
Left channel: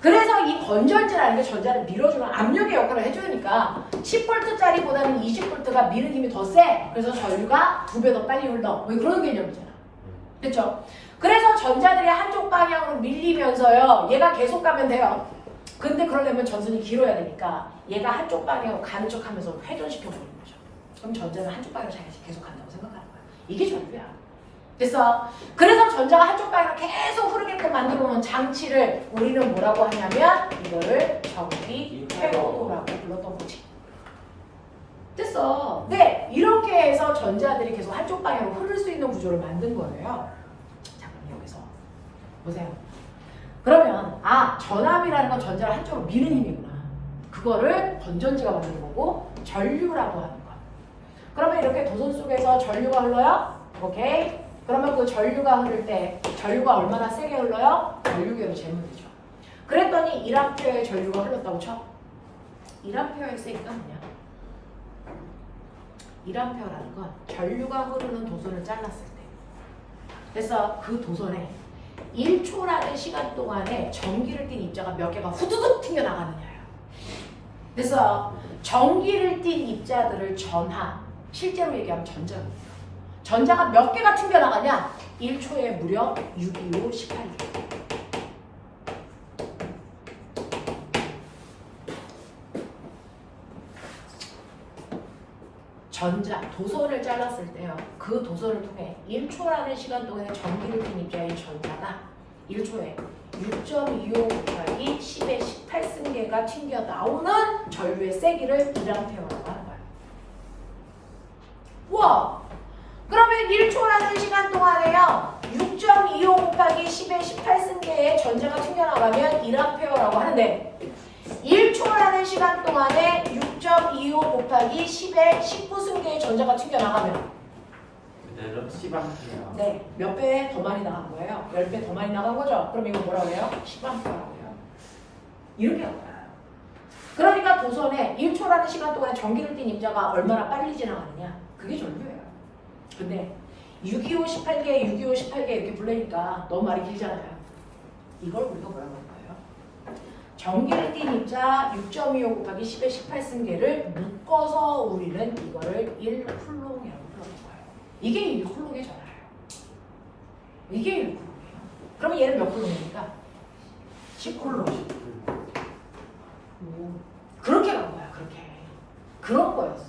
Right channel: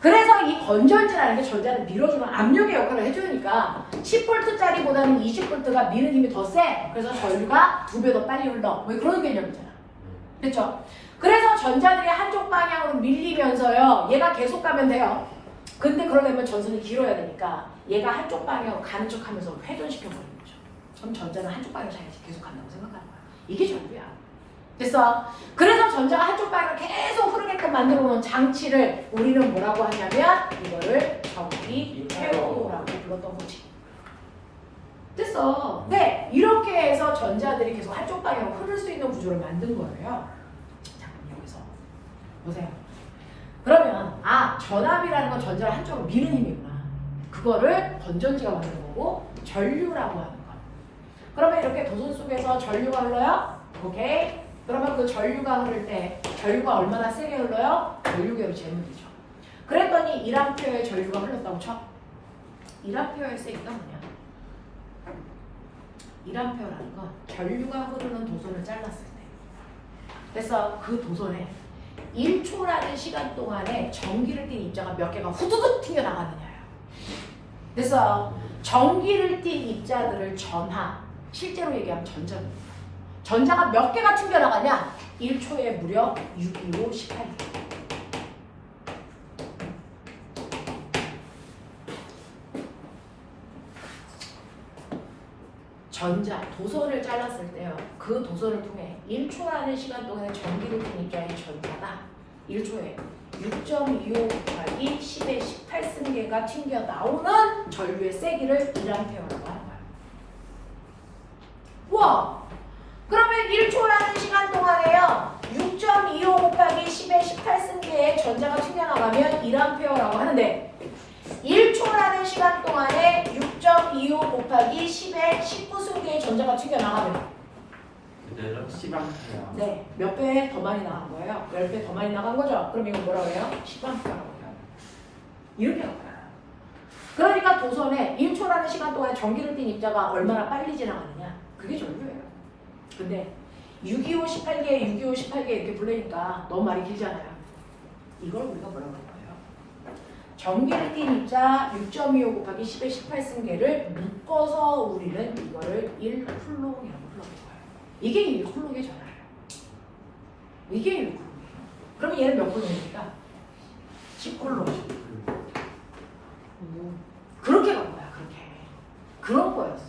그래서 이 건전지라는 게 전자를 밀어주는 압력의 역할을 해주니까 10V짜리보다는 20V가 미는 힘이 더 세. 그래서 전류가 2배 더 빨리 흘러. 왜 그런 개념이잖아. 그렇죠? 그래서 전자들이 한쪽 방향으로 밀리면서요. 얘가 계속 가면 돼요. 근데 그러려면 전선이 길어야 되니까 얘가 한쪽 방향으로 가는 척 하면서 회전시켜버리는 거죠. 그럼 전자는 한쪽 방향으로 계속 간다고 생각하는 거야. 이게 전류야. 됐어? 그래서 전자가 한쪽 방향으로 계속 흐르게끔 만들어 놓은 장치를 우리는 뭐라고 하냐면 이거를 전기 회로라고 불렀던 거지. 됐어. 네, 이렇게 해서 전자들이 계속 한쪽 방향으로 흐를 수 있는 구조를 만든 거예요. 자, 그럼 여기서 보세요. 그러면 전압이라는 건 전자를 한쪽으로 미는 힘이구나. 그거를 건전지가 만든 거고 전류라고 하는 거. 그러면 이렇게 도선 속에서 전류가 흘러요? 오케이. 그러면 그 전류가 흐를 때 전류가 얼마나 세게 흘러요? 전류계로 재문이죠. 그랬더니 1A의 전류가 흘렀다고 쳐. 1A의 세기가 뭐냐? 1A라는 건 전류가 흐르는 도선을 잘랐을 때. 그래서 그 도선에 1초라는 시간 동안에 전기를 띤 입자가 몇 개가 후두둑 튕겨나가느냐예요. 그래서 전기를 띤 입자들을 전하, 실제로 얘기하면 전자입니다. 전자가 몇 개가 튕겨나가냐? 1초에 무려 625, 18개. 전자, 도선을 잘랐을 때요. 그 도선을 통해 1초라는 시간 동안에 전기를 띈 입자의 전자가 1초에 6.25 곱하기 10의 18승계가 튕겨 나오는 전류의 세기를 1A라고 하는 거야. 우와! 그러면 1초라는 시간 동안에요. 6.25 곱하기 10의 18승계의 전자가 튕겨나가면 1A라고 하는데 1초라는 시간 동안에 6.25 곱하기 10의 19승계의 전자가 튕겨나가면 그대로 10A. 네, 몇 배 더 많이 나간 거예요. 10배 더 많이 나간 거죠. 그럼 이거 뭐라고 해요? 10A라고 해요. 이렇게 한 거야. 그러니까 도선에 1초라는 시간 동안에 전기를 띤 입자가 얼마나 빨리 지나가느냐. 그게 전류예요. 근데 625, 18개, 625, 18개 이렇게 불러니까 너무 말이 길잖아요. 이걸 우리가 뭐라고 할 거예요? 전기를 띤 입자 6.25 곱하기 10의 18승계를 묶어서 우리는 이거를 1쿨롱이라고 불러볼 거예요. 이게 1쿨롱의 전화예요. 이게 1쿨롱이에요. 그럼 얘는 몇 쿨롱입니까? 10쿨롱. 그렇게 간 거야, 그렇게. 그런 거였어.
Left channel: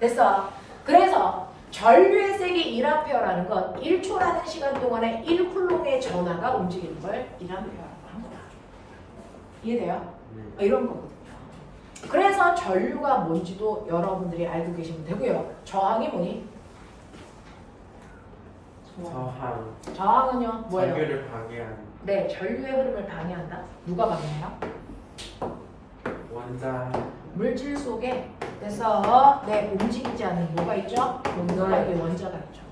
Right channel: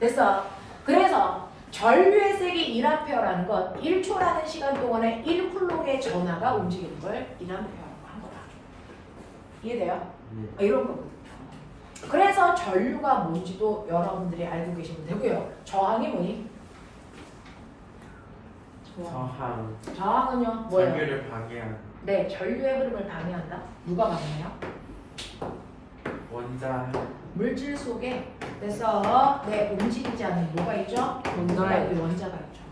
됐어. 그래서 전류의 세기 1A라는 건 1초라는 시간 동안에 1쿨롱의 전하가 움직이는 걸 1A라고 한 거다. 이해돼요? 이런 거거든요. 그래서 전류가 뭔지도 여러분들이 알고 계시면 되고요. 저항이 뭐니? 저항. 저항은요? 뭐예요? 전류를 방해하는 네, 전류의 흐름을 방해한다. 누가 방해해요? 원자. 물질 속에 그래서 움직이지 않는 뭐가 있죠? 원자가 있죠.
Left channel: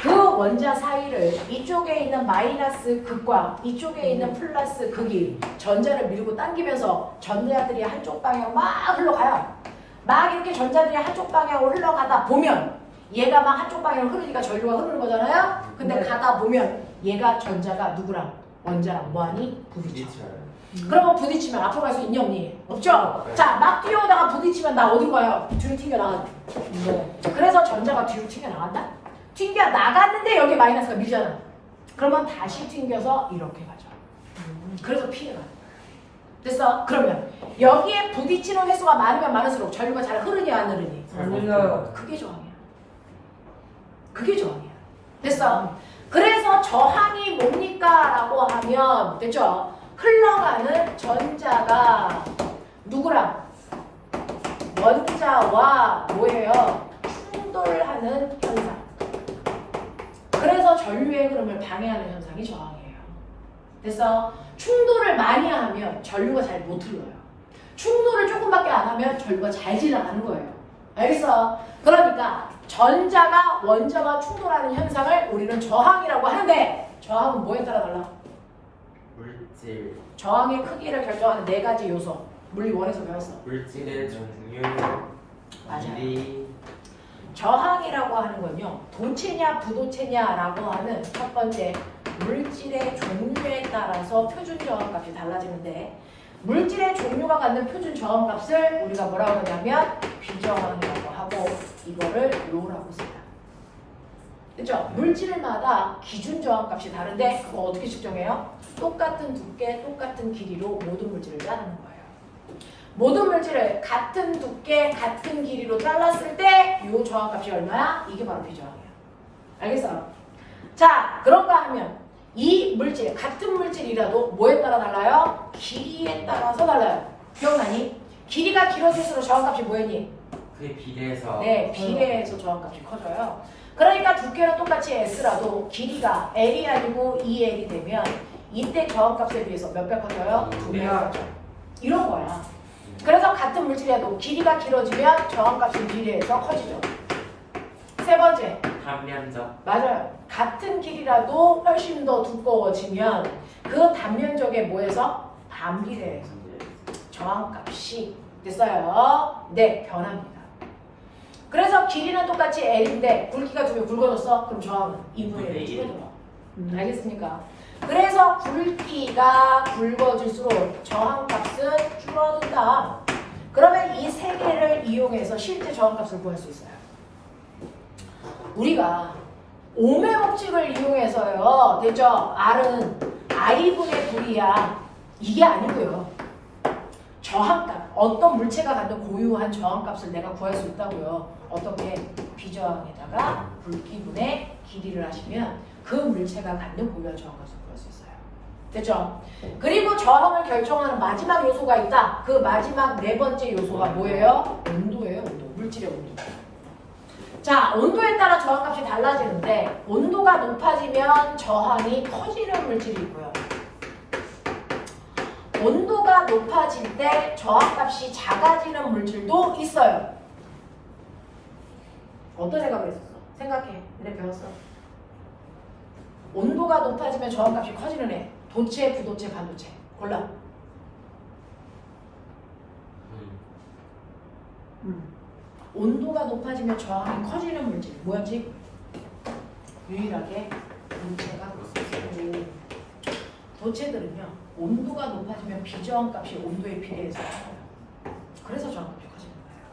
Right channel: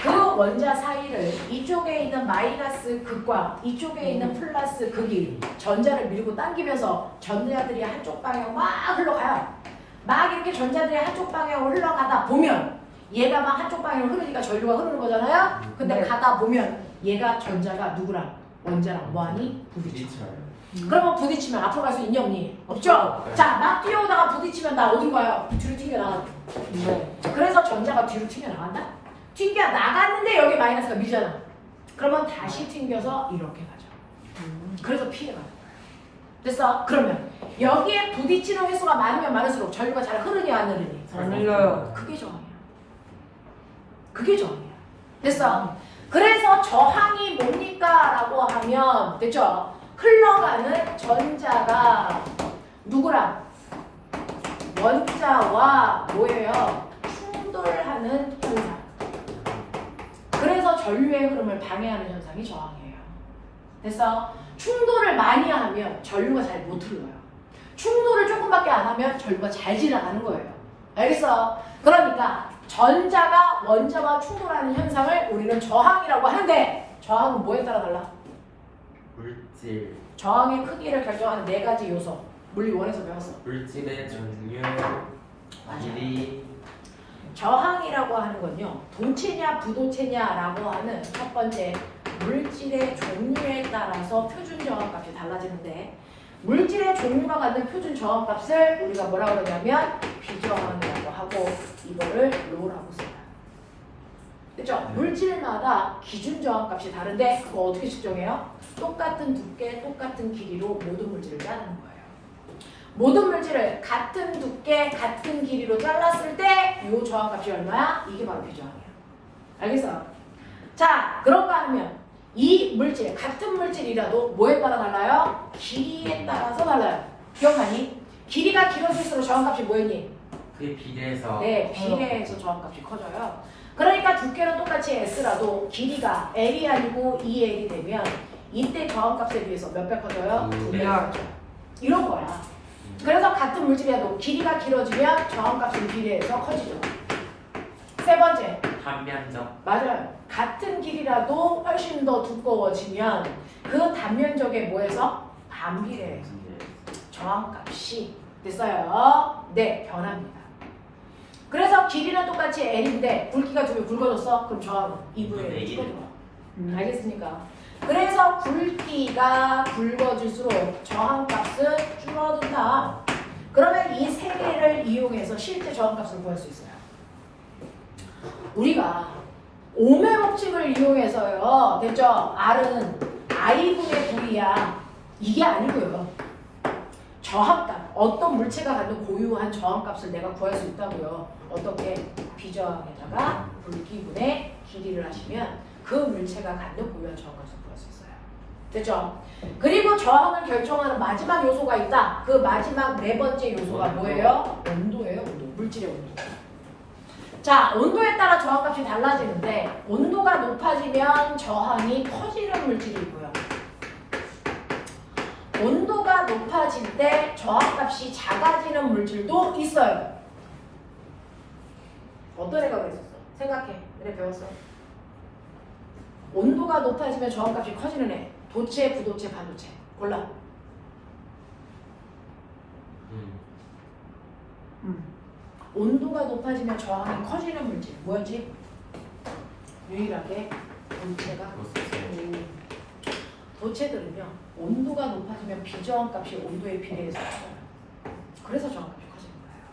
그 원자 사이를 이쪽에 있는 마이너스 극과 이쪽에 있는 플러스 극이 전자를 밀고 당기면서 전자들이 한쪽 방향으로 막 흘러가요. 막 이렇게 전자들이 한쪽 방향으로 흘러가다 보면 얘가 막 한쪽 방향으로 흐르니까 전류가 흐르는 거잖아요. 근데 가다 보면 얘가 전자가 누구랑 원자랑 뭐하니? 부딪혀. 그러면 부딪히면 앞으로 갈 수 있니 없니? 없죠? 네. 자, 막 뛰어오다가 부딪히면 나 어딘 거야? 뒤로 튕겨나간다. 그래서 전자가 뒤로 튕겨나간다? 튕겨나갔는데 여기 마이너스가 밀잖아. 그러면 다시 튕겨서 이렇게 가죠. 그래서 피해가는 거예요. 됐어? 그러면 여기에 부딪히는 횟수가 많으면 많을수록 전류가 잘 흐르냐 안 흐르니? 안 흘러요. 그게 저항이야. 그게 저항이야. 됐어? 그래서 저항이 뭡니까? 라고 하면 됐죠? 흘러가는 전자가 누구랑? 원자와 뭐예요? 충돌하는 현상. 그래서 전류의 흐름을 방해하는 현상이 저항이에요. 됐어? 충돌을 많이 하면 전류가 잘 못 흘러요. 충돌을 조금밖에 안 하면 전류가 잘 지나가는 거예요. 알겠어? 그러니까 전자가 원자와 충돌하는 현상을 우리는 저항이라고 하는데 저항은 뭐에 따라 달라? 물질. 저항의 크기를 결정하는 네 가지 요소. 물리 원에서 배웠어. 물질의 종류, 맞아요. 길이. 저항이라고 하는 건요. 도체냐 부도체냐라고 하는 첫 번째 물질의 종류에 따라서 표준 저항값이 달라지는데 물질의 종류가 갖는 표준 저항값을 우리가 뭐라고 하냐면 비저항이라고 하고 이거를 로라고 씁니다. 그렇죠? 물질마다 기준 저항값이 다른데 그거 어떻게 측정해요? 똑같은 두께, 똑같은 길이로 모든 물질을 자르는 거예요. 모든 물질을 같은 두께, 같은 길이로 잘랐을 때 이 저항값이 얼마야? 이게 바로 비저항이야. 알겠어? 자, 그런가 하면 이 물질, 같은 물질이라도 뭐에 따라 달라요? 길이에 따라서 달라요. 기억나니? 길이가 길어질수록 저항값이 뭐였니? 그에 비례해서. 네, 비례해서 저항값이 커져요. 그러니까 두께는 똑같이 S라도 길이가 L이 아니고 2L이 되면 이때 저항값에 비해서 몇 배 커져요? 2배 커져. 이런 거야. 그래서 같은 물질이라도 길이가 길어지면 저항값이 비례해서 커지죠. 세 번째. 단면적. 맞아요. 같은 길이라도 훨씬 더 두꺼워지면 그 단면적에 뭐해서? 반비례해서 저항값이 됐어요. 네, 변합니다. 그래서 길이는 똑같이 L인데 굵기가 두 배 굵어졌어? 그럼 저항은 2분의 1이 줄어들어. 알겠습니까? 그래서 굵기가 굵어질수록 저항값은 줄어든다. 그러면 이 세 개를 이용해서 실제 저항값을 구할 수 있어요. 우리가 오음의 법칙을 이용해서요. 됐죠? R은 I분의 V야. 이게 아니고요. 저항값. 어떤 물체가 갖는 고유한 저항값을 내가 구할 수 있다고요. 어떻게? 비저항에다가 굵기분의 길이를 하시면 그 물체가 갖는 고유한 저항값을 구할 수 있어요. 됐죠? 그리고 저항을 결정하는 마지막 요소가 있다. 그 마지막 네 번째 요소가 뭐예요? 온도예요. 온도. 물질의 온도. 자, 온도에 따라 저항값이 달라지는데 온도가 높아지면 저항이 커지는 물질이 있고요. 온도가 높아질 때 저항값이 작아지는 물질도 있어요. 어떤 애가 그랬었어? 생각해. 우리 배웠어. 온도가 높아지면 저항값이 커지는 애. 도체, 부도체, 반도체. 골라. 온도가 높아지면 저항이 커지는 물질. 뭐였지? 유일하게 도체가 도체들은요. 온도가 높아지면 비저항값이 온도에 비례해서 커져요. 그래서 저항값이 커지는 거예요.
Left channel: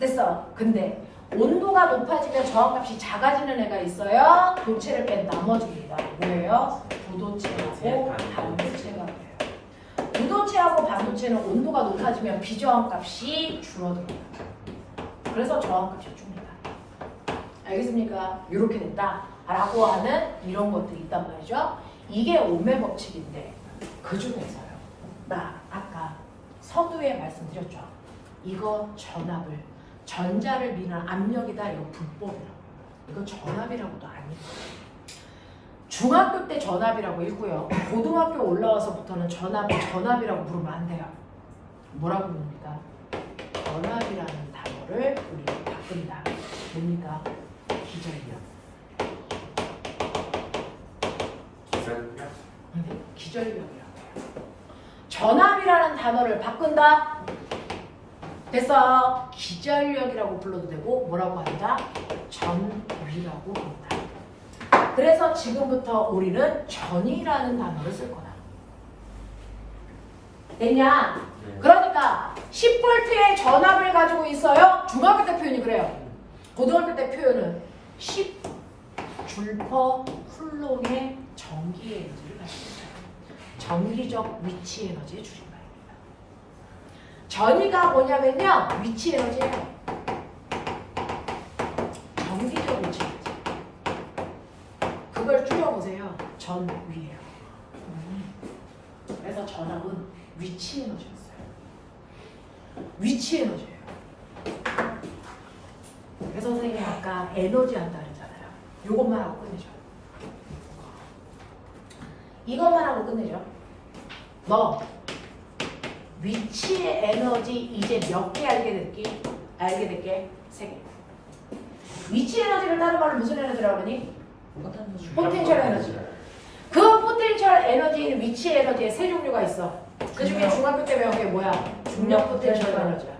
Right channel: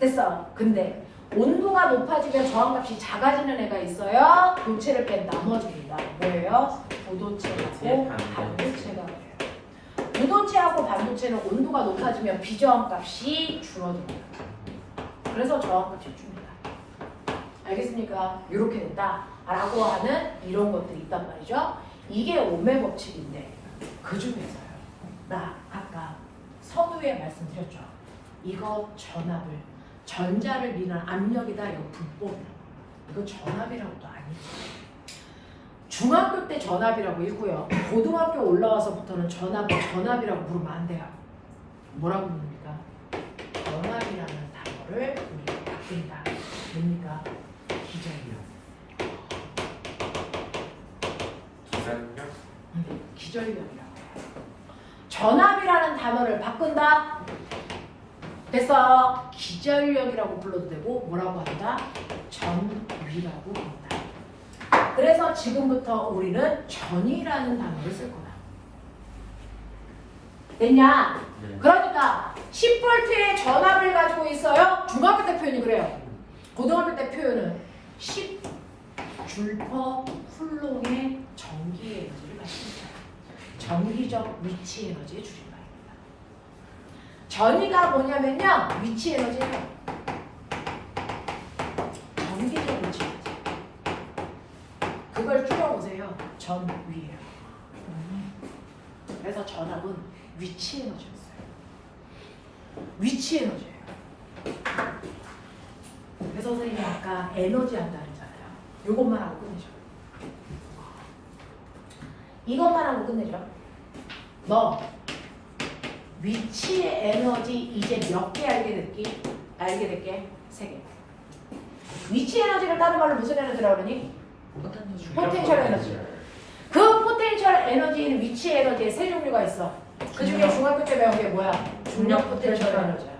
됐어. 근데 온도가 높아지면 저항값이 작아지는 애가 있어요. 도체를 뺀 나머지입니다. 뭐예요? 부도체하고 반도체가 돼요. 부도체하고 반도체는 온도가 높아지면 비저항값이 줄어들어요. 그래서 저항값이 줍니다. 알겠습니까? 이렇게 된다 라고 하는 이런 것들이 있단 말이죠. 이게 오음의 법칙인데 그 중에서요. 나 아까 서두에 말씀드렸죠. 이거 전압을 전자를 미는 압력이다. 이거 불법이라고요. 이거 전압이라고도 아니에요. 중학교 때 전압이라고 읽고요. 고등학교 올라와서부터는 전압을 전압이라고 부르면 안 돼요. 뭐라고 부릅니까? 전압이라는 단어를 우리가 바꾼다. 뭡니까? 기전력. 기전력? 네, 기전력이라고 해요. 전압이라는 단어를 바꾼다. 그래서 기전력이라고 불러도 되고 뭐라고 한다? 전위라고 한다. 그래서 지금부터 우리는 전위라는 단어를 쓸 거다. 됐냐? 그러니까 10V의 전압을 가지고 있어요. 중학교 때 표현이 그래요. 고등학교 때 표현은 10줄/쿨롱의 전기 에너지를 가지고 있어요. 전기적 위치 에너지의 줄임말입니다. 전위가 뭐냐면요. 위치 에너지예요. 전기적 위치 에너지. 그걸 줄여보세요. 전위예요. 그래서 전압은 위치 에너지였어요. 위치 에너지예요. 그래서 선생님이 아까 에너지 한다 그랬잖아요. 이것만 하고 끝내죠. 이것만 하고 끝내죠. 너 위치의 에너지 이제 몇 개 알게 됐게? 3개. 위치 에너지를 다른 말로 무슨 에너지라고 그러니? 포텐셜. 포텐셜 에너지. 그 포텐셜 에너지인 위치 에너지에 세 종류가 있어. 그 중에 중학교 때 배운 게 뭐야? 중력 포텐셜 에너지야.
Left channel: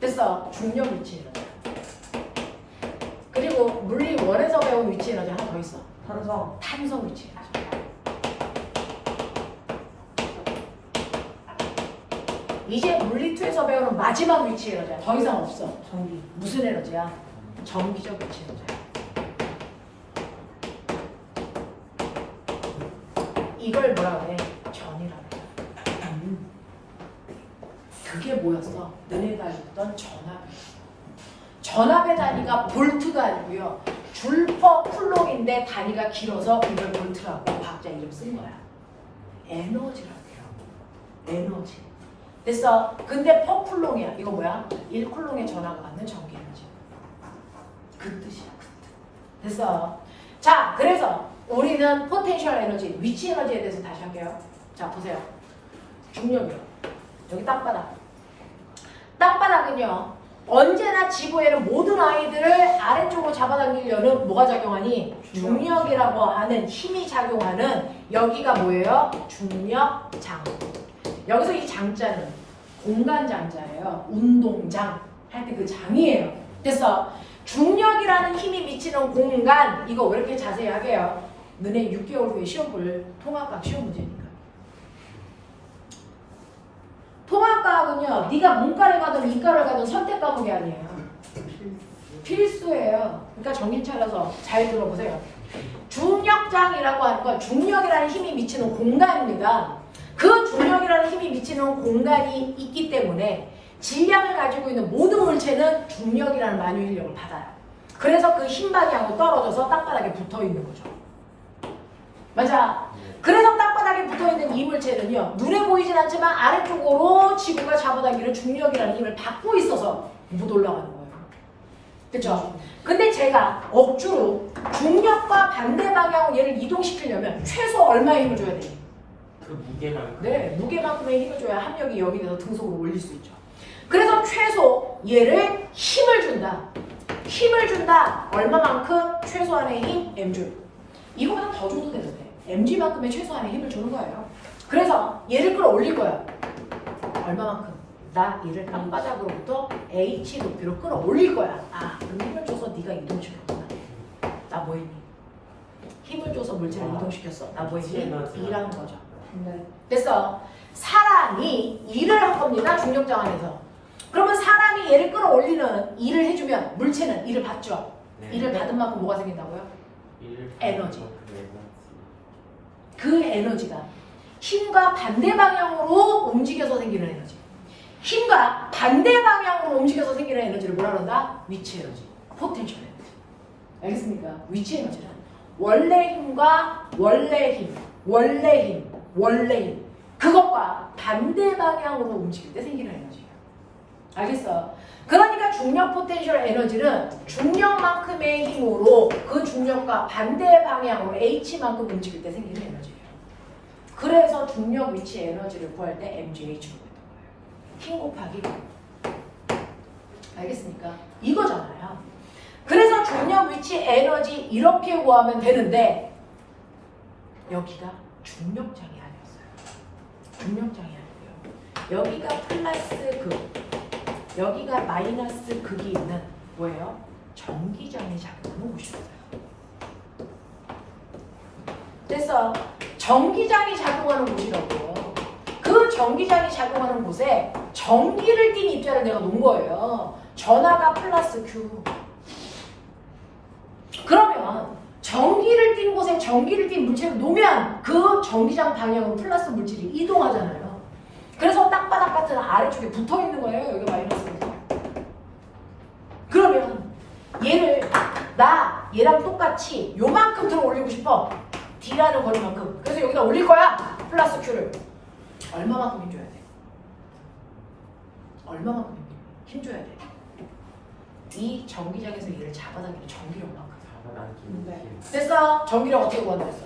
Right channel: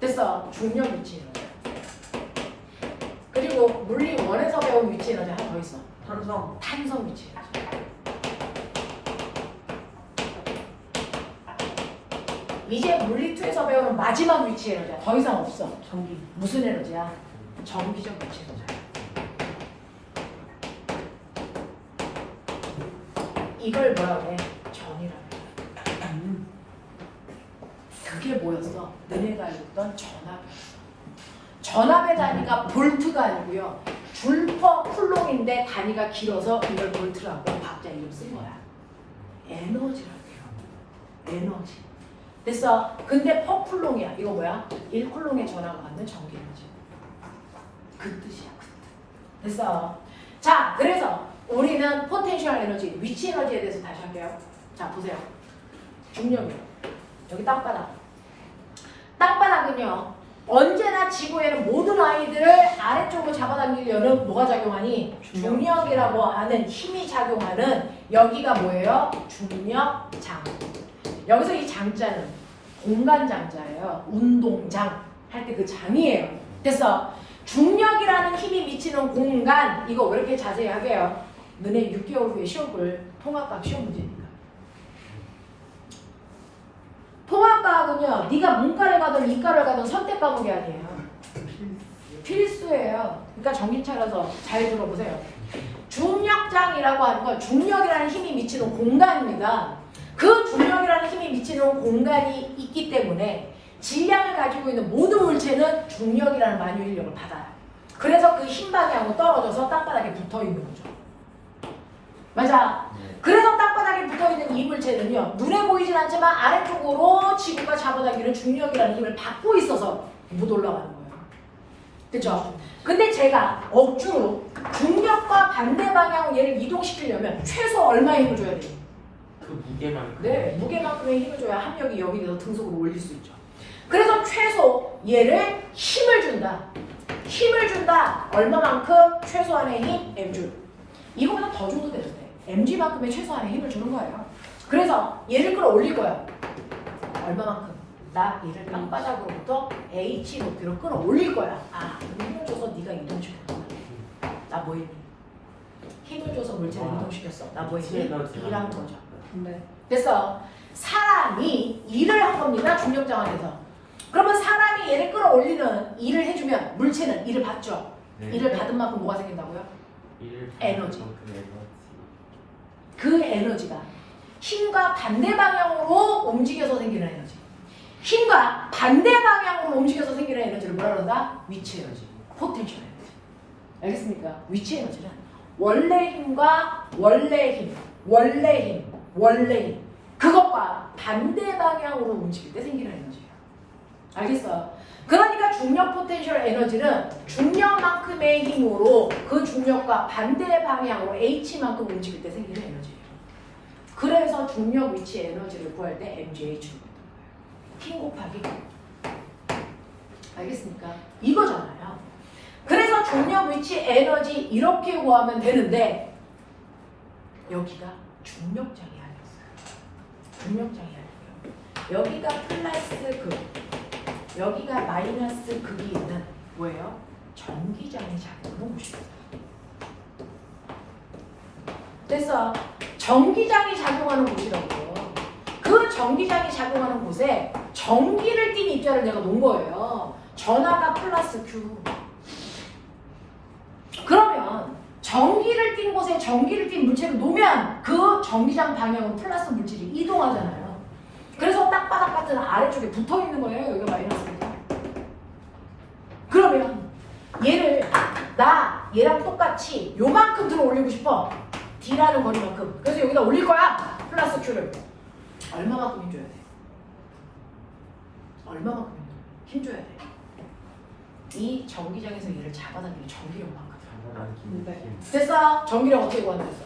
됐어. 중력 위치 에너지. 그리고 물리 1에서 배운 위치 에너지 하나 더 있어. 탄성. 탄성 위치 에너지. 이제 물리 2에서 배우는 마지막 위치 에너지야. 더 이상 없어. 전기. 무슨 에너지야? 전기적 위치 에너지야. 이걸 뭐라 그래? 전이라고 그래. 그게 뭐였어? 너네가 읽던 전압. 전압의 단위가 볼트가 아니고요. 줄퍼 쿨롱인데 단위가 길어서 이걸 볼트라고 과학자 이름 쓴 거야. 에너지라고요. 에너지. 됐어. 근데 퍼 쿨롱이야. 이거 뭐야? 1쿨롱의 전압을 갖는 전기 에너지. 그 뜻이야. 그 뜻. 됐어. 자, 그래서 우리는 포텐셜 에너지, 위치 에너지에 대해서 다시 할게요. 자, 보세요. 중력이요. 여기 땅바닥. 땅바닥은요. 언제나 지구에는 모든 아이들을 아래쪽으로 잡아당기려는 뭐가 작용하니? 중력이라고 하는 힘이 작용하는 여기가 뭐예요? 중력장. 여기서 이 장자는 공간장자예요. 운동장 할 때 그 장이에요. 그래서 중력이라는 힘이 미치는 공간, 이거 왜 이렇게 자세히 하게요? 너네 6개월 후에 시험 볼 통합과학 시험 문제니까. 통합과학은요, 네가 문과를 가든 이과를 가든 선택 과목이 아니에요. 필수예요. 그러니까 정신 차려서 잘 들어보세요. 중력장이라고 하는 건 중력이라는 힘이 미치는 공간입니다. 그 중력이라는 힘이 미치는 공간이 있기 때문에 질량을 가지고 있는 모든 물체는 중력이라는 만유인력을 받아요. 그래서 그 힘 방향으로 떨어져서 땅바닥에 붙어 있는 거죠. 맞아. 그래서 땅바닥에 붙어 있는 이 물체는요, 눈에 보이진 않지만 아래쪽으로 지구가 잡아당기는 중력이라는 힘을 받고 있어서 못 올라가는 거예요. 그쵸? 근데 제가 억지로 중력과 반대 방향으로 얘를 이동시키려면 최소 얼마의 힘을 줘야 돼요? 그 무게만큼. 네, 무게만큼의 힘을 줘야 합력이 여기서 등속으로 올릴 수 있죠. 그래서 최소 얘를 힘을 준다. 힘을 준다. 얼마만큼? 최소한의 힘 m줄. 이거보다 더 줘도 되는데 mg만큼의 최소한의 힘을 주는 거예요. 그래서 얘를 끌어올릴 거예요. 얼마만큼? 나 얘를 땅바닥으로부터 h 높이로 끌어올릴 거야. 아, 그럼 힘을 줘서 네가 이동시켰구나. 나 뭐 했니? 힘을 줘서 물체를 이동시켰어. 나 뭐 했니? B라는 거죠. 네. 그래서 사람이 일을 한 겁니다. 중력장 안에서. 그러면 사람이 얘를 끌어올리는 일을 해주면 물체는 일을 받죠. 네. 일을 받은 만큼 뭐가 생긴다고요? 에너지. 그 에너지. 그 에너지가 힘과 반대 방향으로 움직여서 생기는 에너지. 힘과 반대 방향으로 움직여서 생기는 에너지를 뭐라 그런다? 위치 에너지. 포텐셜 에너지. 알겠습니까? 위치 에너지는 원래 힘과 원래 힘, 원래 힘, 원래 힘. 그것과 반대 방향으로 움직일 때 생기는 에너지예요. 알겠어? 그러니까 중력 포텐셜 에너지는 중력만큼의 힘으로 그 중력과 반대 방향으로 H만큼 움직일 때 생기는 에너지예요. 그래서 중력 위치 에너지를 구할 때 MGH로 했던 거예요. 힘 곱하기. 알겠습니까? 이거잖아요. 그래서 중력 위치 에너지 이렇게 구하면 되는데 여기가 중력장이 아니었어요. 중력장이 아니에요. 여기가 플러스 극, 여기가 마이너스 극이 있는 뭐예요? 전기장이 작용하는 곳이었어요. 그래서 전기장이 작용하는 곳이라고요. 그 전기장이 작용하는 곳에 전기를 띤 입자를 내가 놓은 거예요. 전하가 플러스 Q. 그러면 전기를 띤 곳에 전기를 띤 물체를 놓으면 그 전기장 방향으로 플러스 물질이 이동하잖아요. 그래서 땅바닥 같은 아래쪽에 붙어 있는 거예요. 여기 마이너스가. 그러면 얘를 나 얘랑 똑같이 요만큼 들어 올리고 싶어. D라는 거리만큼. 그래서 여기다 올릴 거야. 플러스 Q를. 얼마만큼 힘줘야 돼? 얼마만큼 힘줘야 돼? 이 전기장에서 얘를 잡아당기는 전기력만큼. 됐어? 전기력 어떻게 구한다 했어?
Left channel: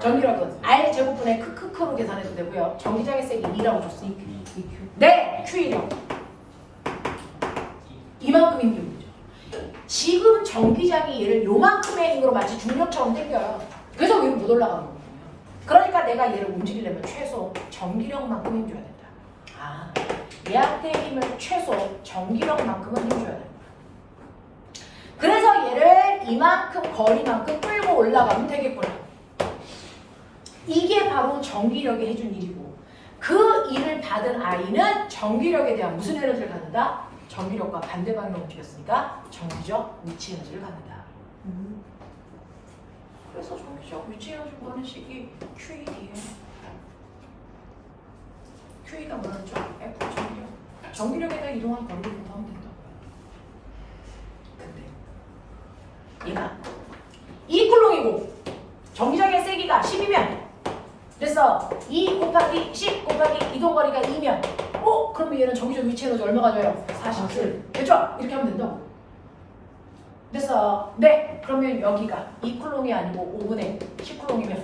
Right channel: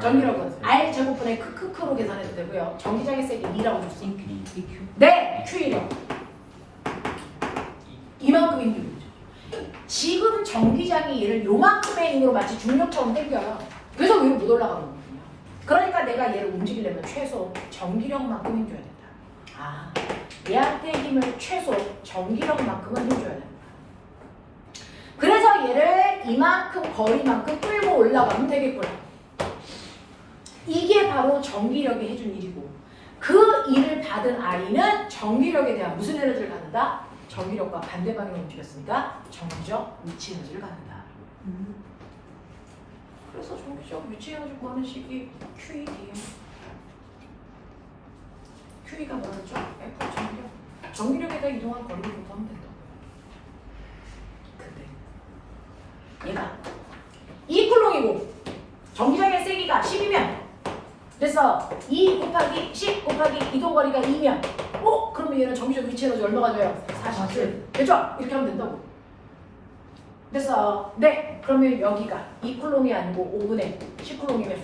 전기력은 R 제곱분의 크크크로 계산해도 되고요. 전기장의 세기 2라고 줬어. 네, Q이력. 이만큼 힘주는 거죠. 지금 전기장이 얘를 요만큼의 힘으로 마치 중력처럼 당겨요. 그래서 위로 못 올라가는 거거든요. 그러니까 내가 얘를 움직이려면 최소 전기력만큼 힘줘야 된다. 아, 얘한테 힘을 최소 전기력만큼은 힘줘야 된다. 그래서 얘를 이만큼 거리만큼 끌고 올라가면 되겠구나. 이게 바로 전기력이 해준 일이고, 그 일을 받은 아이는 전기력에 대한 무슨 에너지를 갖는다? 전기력과 반대 방향으로 움직였으니까 전기적 위치 에너지를 갖는다. 그래서 전기적 위치 에너지 구하는 식이 QED예요. QE가 뭐였죠? F 전기력. 전기력에 대해 이동한 거리를 구하면 된다. 근데 얘가 이 쿨롱이고 전기장의 세기가 10이면 그래서 2 곱하기 10 곱하기 이동거리가 2면 그러면 얘는 전기적 위치 에너지 얼마 가져요? 47. 됐죠? 이렇게 하면 된다고. 됐어. 네. 그러면 여기가 2쿨롱이 아니고 5분의 10쿨롱이면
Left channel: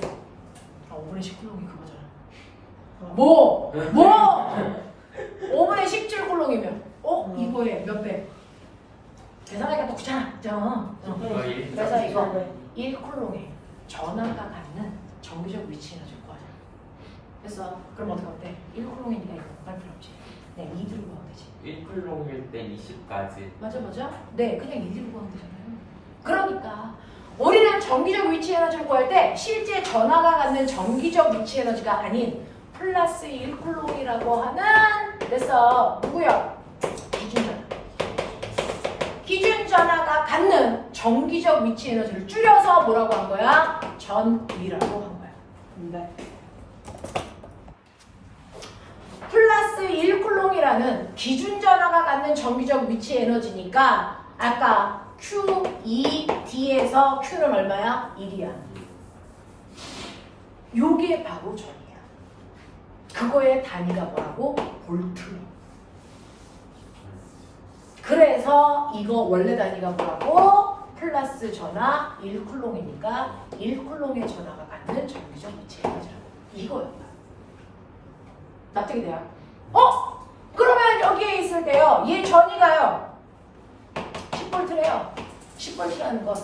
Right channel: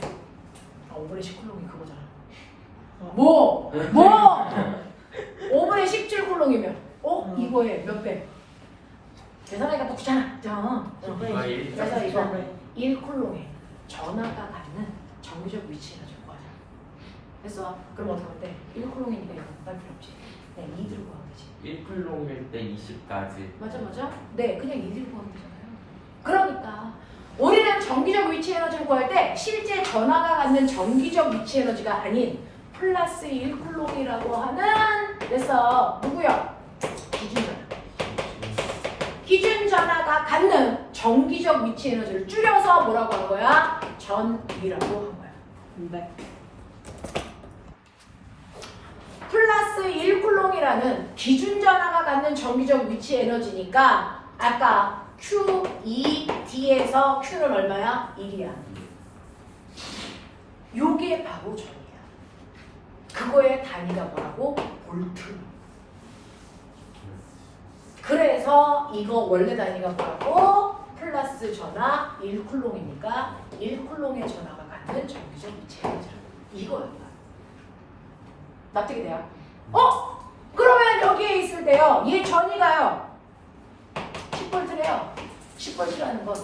5분의 10쿨롱이 그거잖아. 뭐? 5분의 17쿨롱이면 이거에 몇 배? 계산하기가 또 귀찮아. 그래서 이거 1쿨롱에 전하가 갖는 전기적 위치 에너지 구하자. 됐어. 그럼 어떻게 할때 1쿨롱이니까 이거 할 필요 없지. 그냥 2 들고 가면 되지. 1쿨롱일 때 20까지. 맞아. 네, 그냥 2 들고 가면 되잖아요. 그러니까 우리는 전기적 위치 에너지를 구할 때 실제 전하가 갖는 전기적 위치 에너지가 아닌 플러스 1쿨롱이라고 하는 그래서 누구요? 기준전하. 기준전하가 갖는 전기적 위치 에너지를 줄여서 뭐라고 한 거야? 전위라고 한 거야. 네. 플러스 1쿨롱이라는 기준전하가 갖는 전기적 위치 에너지니까 아까 QED에서 Q는 얼마야? 1이야. 요게 바로 전이야. 그거의 단위가 뭐라고? 볼트. 그래서 이거 원래 단위가 뭐라고? 플러스 전하 1쿨롱이니까 1쿨롱의 전하가 갖는 전기적 위치 에너지라고. 이거예요. 납득이 돼요? 그러면 여기에 있을 때요. 얘 전이가요. 10V래요. 10V라는 건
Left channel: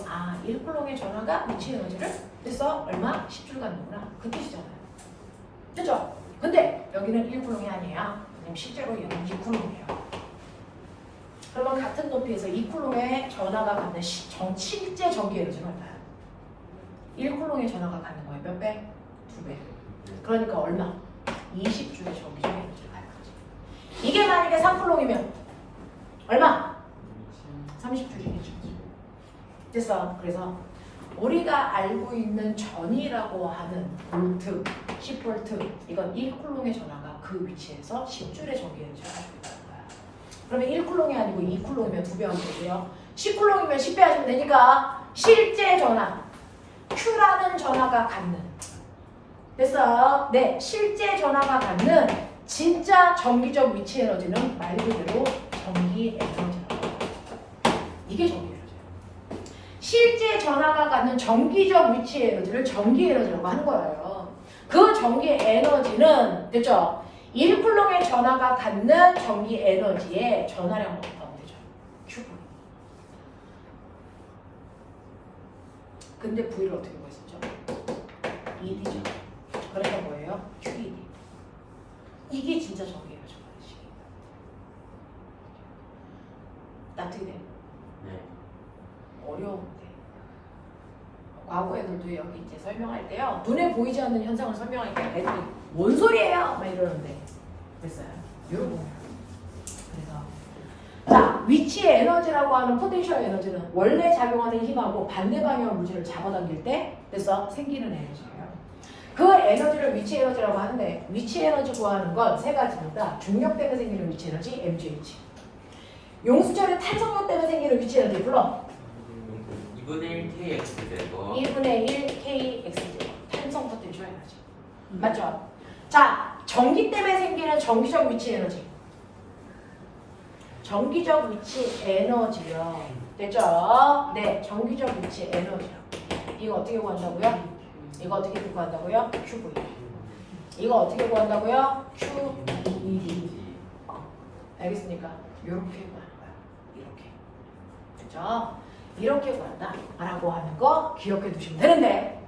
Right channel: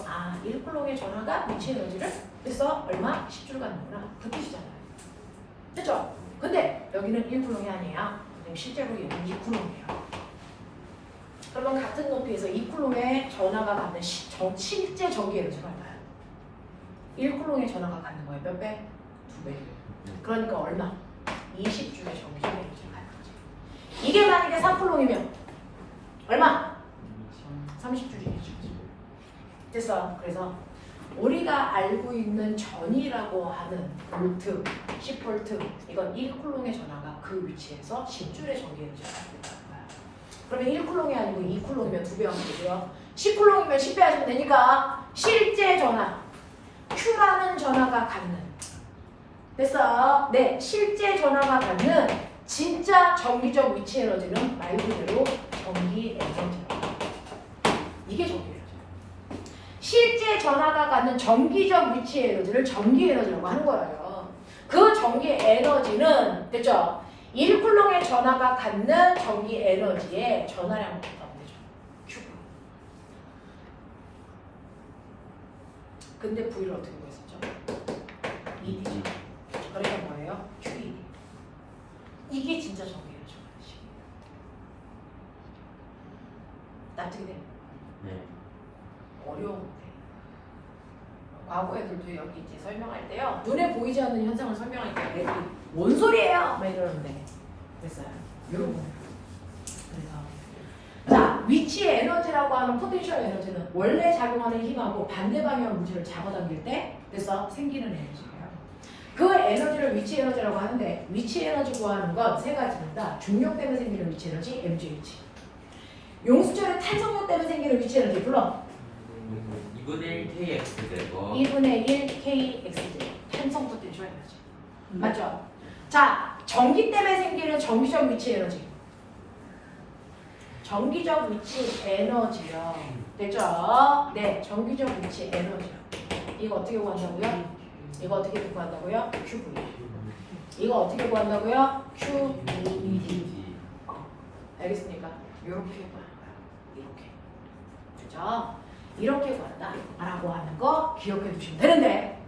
1쿨롱의 전하가 위치 에너지를 그래서 얼마? 10줄 갖는구나. 그 뜻이잖아요. 됐죠? 근데 여기는 1쿨롱이 아니에요. 왜냐면 실제로 얘는 2쿨롱이에요. 그러면 같은 높이에서 2쿨롱의 전하가 갖는 실제 전기 에너지가 얼마야? 1쿨롱의 전하가 갖는 거예요. 몇 배? 2배. 그러니까 얼마? 20줄의 전기적 에너지를 갖는 거지. 이게 만약에 3쿨롱이면 얼마? 30줄이겠죠. 됐어. 그래서 우리가 알고 있는 전이라고 하는 볼트, 10V 이건 1쿨롱의 전하가 그 위치에서 10줄의 전기 에너지를 갖고 있다는 거야. 그러면 1쿨롱이 아니고 2쿨롱이면 2배 하면 되고요. 10쿨롱이면 10배 하시면 되니까 실제 전하, Q라는 전하가 갖는 됐어. 네, 실제 전하가 갖는 진짜 전기적 위치 에너지는 말 그대로 전기 에너지라고. 이게 전기 에너지예요. 실제 전하가 갖는 전기적 위치 에너지를 전기 에너지라고 하는 거예요. 그 전기 에너지는 됐죠? 1쿨롱의 전하가 갖는 전기 에너지의 전하량을 곱하면 되죠. Q. 근데 V를 어떻게 구했었죠? ED죠. 그래서 뭐예요? QED. 이게 진짜 전기 에너지 관식입니다. 납득이 돼요? 네. 어려운데. 과거 애들도 여기 이제 설명할 때요. 눈에 보이지 않는 현상을 설명할 때 애들이 뭔 소리예요? 막 이러는데 됐어요. 이런 거예요. 그래서 자, 위치 에너지라고 하는 포텐셜 에너지는 원래 작용하는 힘하고 반대 방향의 물질을 잡아당길 때 됐어? 생기는 에너지예요. 그 에너지를 위치 에너지라고 하는데 위치 에너지 구하는 건 세 가지입니다. 중력 때문에 생기는 위치 에너지, MGH. 용수철의 탄성력 때문에 생기는 위치 에너지 불러. 2분의 1 KX 되고 2분의 1 KXJ. 탄성 포텐셜 에너지. 맞죠? 자, 전기 때문에 생기는 전기적 위치 에너지. 전기적 위치 에너지요. 됐죠? 네, 전기적 위치 에너지요. 이거 어떻게 구한다고요? 이거 어떻게 구한다고요? QV. 이거 어떻게 구한다고요? QED. 알겠습니까? 이렇게 구하는 거야. 이렇게. 그죠? 이렇게 구한다 라고 하는 거 기억해 두시면 되는데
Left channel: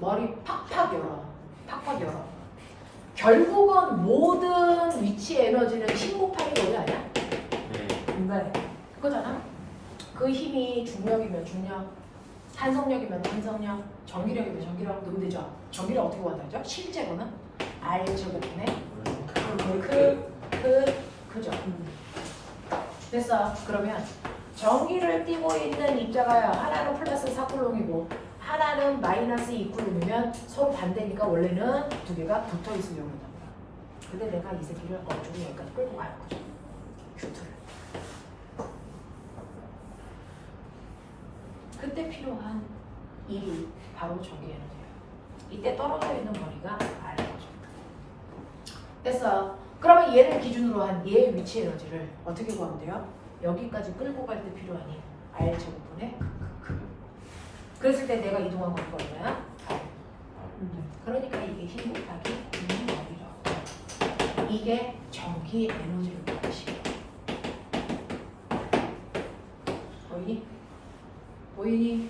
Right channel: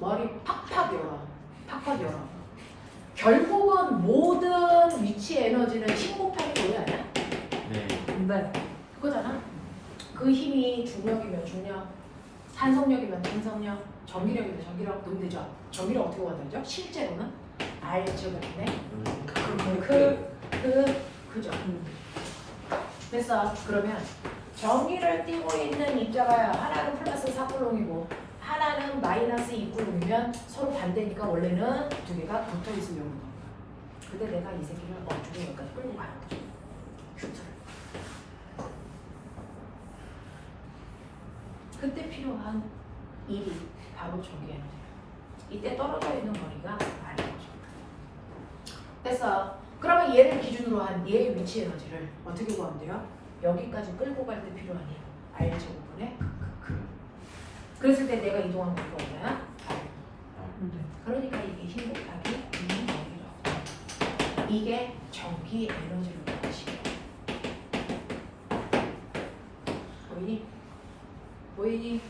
머리 팍팍 열어. 팍팍 열어. 결국은 모든 위치 에너지는 친곡하는 거 아니야? 네. 근데 그거잖아. 그 힘이 중력이면 중력, 산성력이면 산성력, 전기력이면 전기력 넣으면 되죠. 전기력 어떻게 구한다죠? 실제로는 R 제곱분의 그죠. 됐어. 그러면 전기를 띠고 있는 입자가 하나는 플러스 4쿨롱이고 하나는 마이너스 2쿨롱이면 서로 반대니까 원래는 두 개가 붙어 있으려고 한다. 근데 내가 이 새끼를 어쩌고 여기까지 끌고 가는 거죠. 큐트를. 그때 필요한 일이 바로 전기 에너지예요. 이때 떨어져 있는 거리가 R인 거죠. 됐어. 그러면 얘를 기준으로 한 얘의 위치 에너지를 어떻게 구하면 돼요? 여기까지 끌고 갈 때 필요한 힘 R 제곱분의 그랬을 때 내가 이동한 거리가 얼마야? 그러니까 이게 힘 곱하기 여기라고. 이게 전기 에너지를 구하는 식이야. 보이니? 보이니?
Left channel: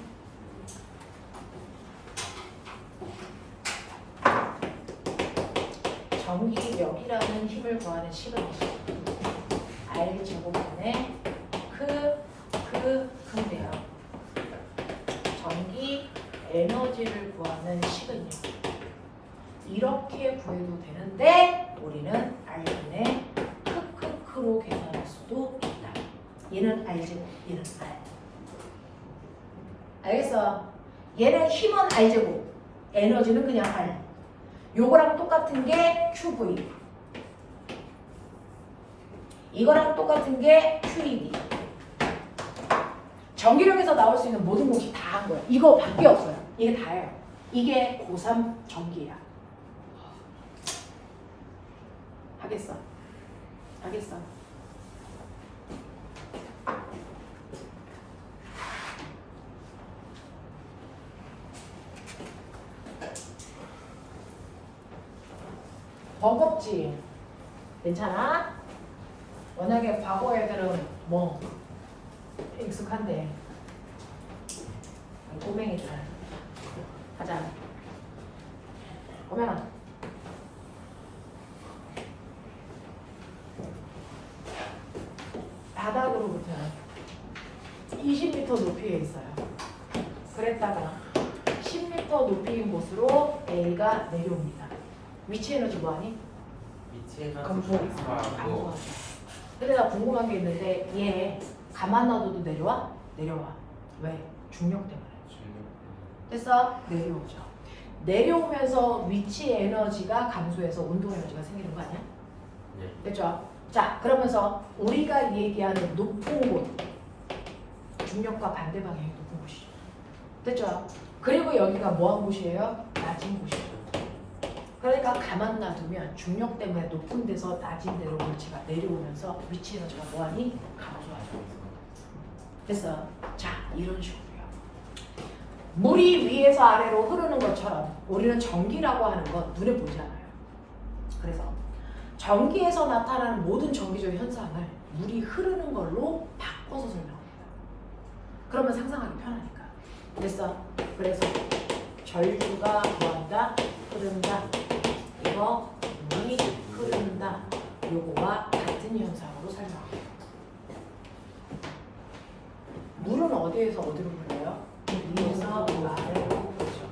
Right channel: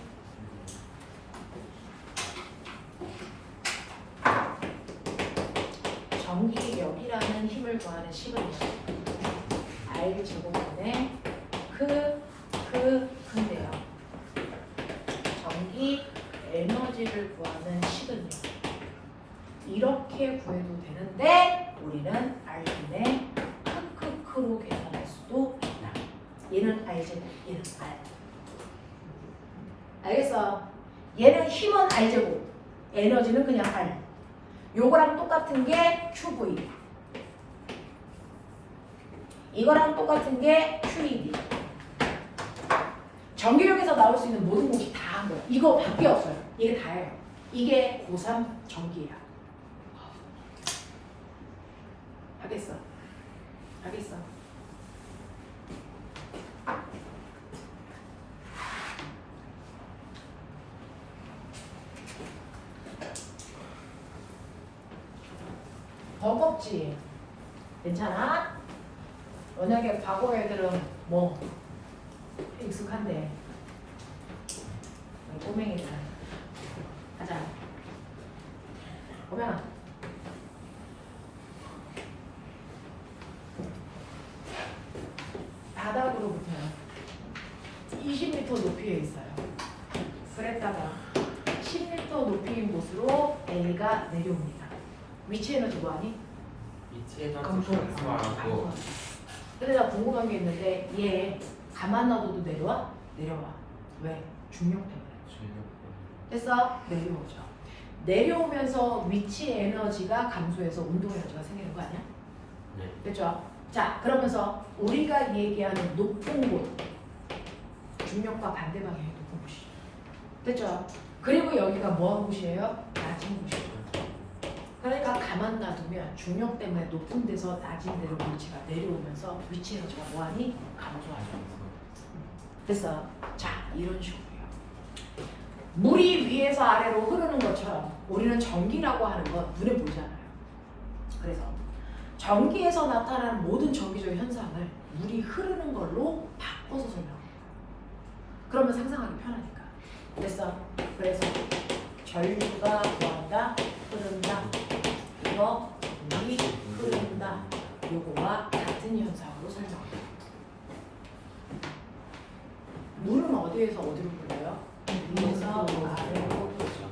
전기력이라는 힘을 구하는 식은 R 제곱분의 근데요. 전기 에너지를 구하는 식은요. 이렇게 구해도 되는데 우리는 R분의 크크크로 계산할 수도 있다. 얘는 R 제곱, 얘는 R. 알겠어? 얘는 힘은 R 제곱, 에너지는 그냥 R. 요거랑 똑같은 게 QV. 이거랑 똑같은 게 QED. 전기력에서 나올 수 있는 모든 공식 다 한 거예요. 이거 밖에 없어요. 이게 다예요. 이게 고3 전기야. 하겠어. 하겠어. 버겁지? 괜찮아? 워낙에 과거 애들은 뭐 익숙한데 꼬맹이들 가자. 꼬맹아 바닥으로부터 20m 높이에 있어요. 그랬다가 10m 높이인 곳으로 A가 내려옵니다. 위치 에너지 뭐하니? 위치 에너지 감소하고. 감소하고. 근데 나 궁금한 게 있는데 얘 가만 놔둬도 내려와? 내려와. 왜? 중력 때문에. 됐어? 내려오죠. 내려오면서 위치 에너지가 감소해서 운동 에너지가 생기는 거 아니야? 네. 됐죠? 자, 그러면서 우리가 얘기하는 높은 곳 중력과 반대 방향의 높은 곳이죠. 됐죠? 그리고 여기가 뭐한 곳이에요? 낮은 곳이에요. 그러니까 가만 놔두면 중력 때문에 높은 데서 낮은 데로 에너지가 내려오면서 위치 에너지가 뭐하니? 감소하죠. 됐어? 자, 이런 식으로요. 물이 위에서 아래로 흐르는 것처럼 우리는 전기라고 하는 건 눈에 보이지 않아요. 그래서 전기에서 나타나는 모든 전기적 현상을 물이 흐르는 걸로 바꿔서 설명합니다. 그러면 상상하기 편하니까. 됐어? 그래서 전류가 뭐한다? 흐른다. 이거 물이 흐른다. 요거와 같은 현상으로 설명합니다. 물은 어디에서 어디로 흘러요? 위에서 아래로 흐르죠.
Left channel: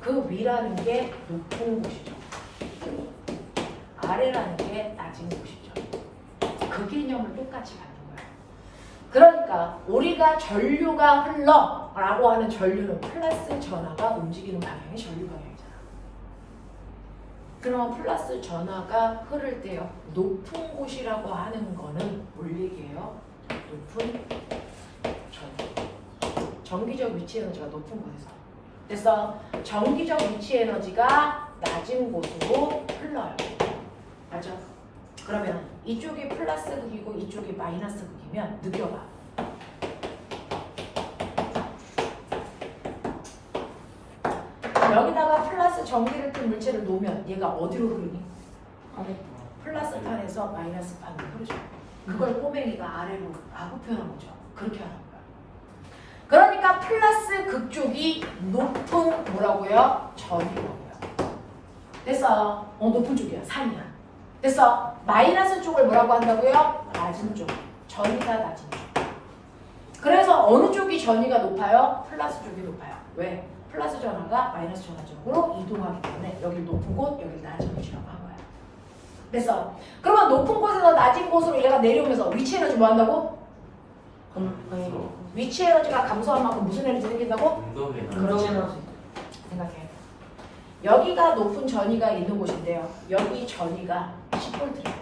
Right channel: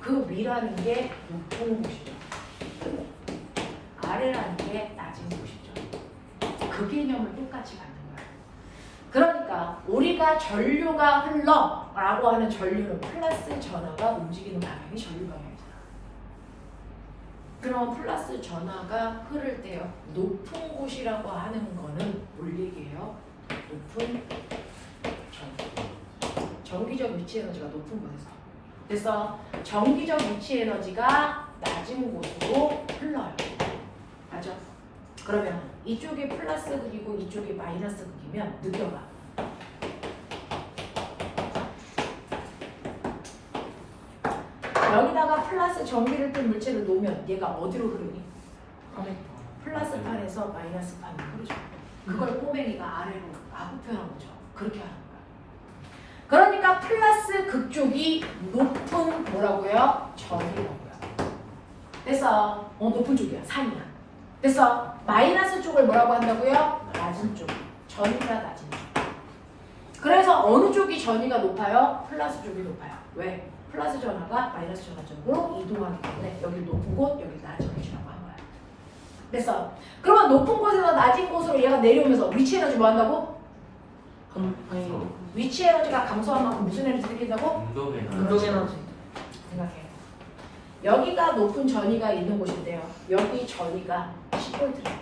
그 위라는 게 높은 곳이죠. 아래라는 게 낮은 곳이죠. 그 개념을 똑같이 갖는 거예요. 그러니까 우리가 전류가 흘러 라고 하는 전류는 플러스 전하가 움직이는 방향이 전류 방향이잖아. 그러면 플러스 전하가 흐를 때요. 높은 곳이라고 하는 거는 뭘 얘기해요? 높은 전류. 전기적 위치 에너지가 높은 곳에서. 그래서 전기적 위치 에너지가 낮은 곳으로 흘러요. 맞죠? 그러면 이쪽이 플러스 극이고 이쪽이 마이너스 극이면 느껴봐. 여기다가 플러스 전기를 띤 물체를 놓으면 얘가 어디로 흐르니? 플러스 판에서 마이너스 판으로 흐르죠. 그걸 꼬맹이가 아래로 라고 표현한 거죠. 그렇게 하는 거야. 그러니까 플러스 극쪽이 높은 뭐라고요? 전이라고요. 됐어. 높은 쪽이야. 산이야. 됐어. 마이너스 쪽을 뭐라고 한다고요? 낮은 쪽. 전이가 낮은 쪽. 그래서 어느 쪽이 전이가 높아요? 플러스 쪽이 높아요. 왜? 플러스 전화가 마이너스 전화 쪽으로 이동하기 때문에 여기 높은 곳, 여기 낮은 곳이라고 한 거야. 그래서 그러면 높은 곳에서 낮은 곳으로 얘가 내려오면서 위치 에너지 뭐 한다고? 위치 에너지가 감소한 만큼 무슨 에너지 생긴다고? 운동에 그렇지. 생각해. 여기가 높은 전이가 있는 곳인데요. 여기 전이가 10V래요.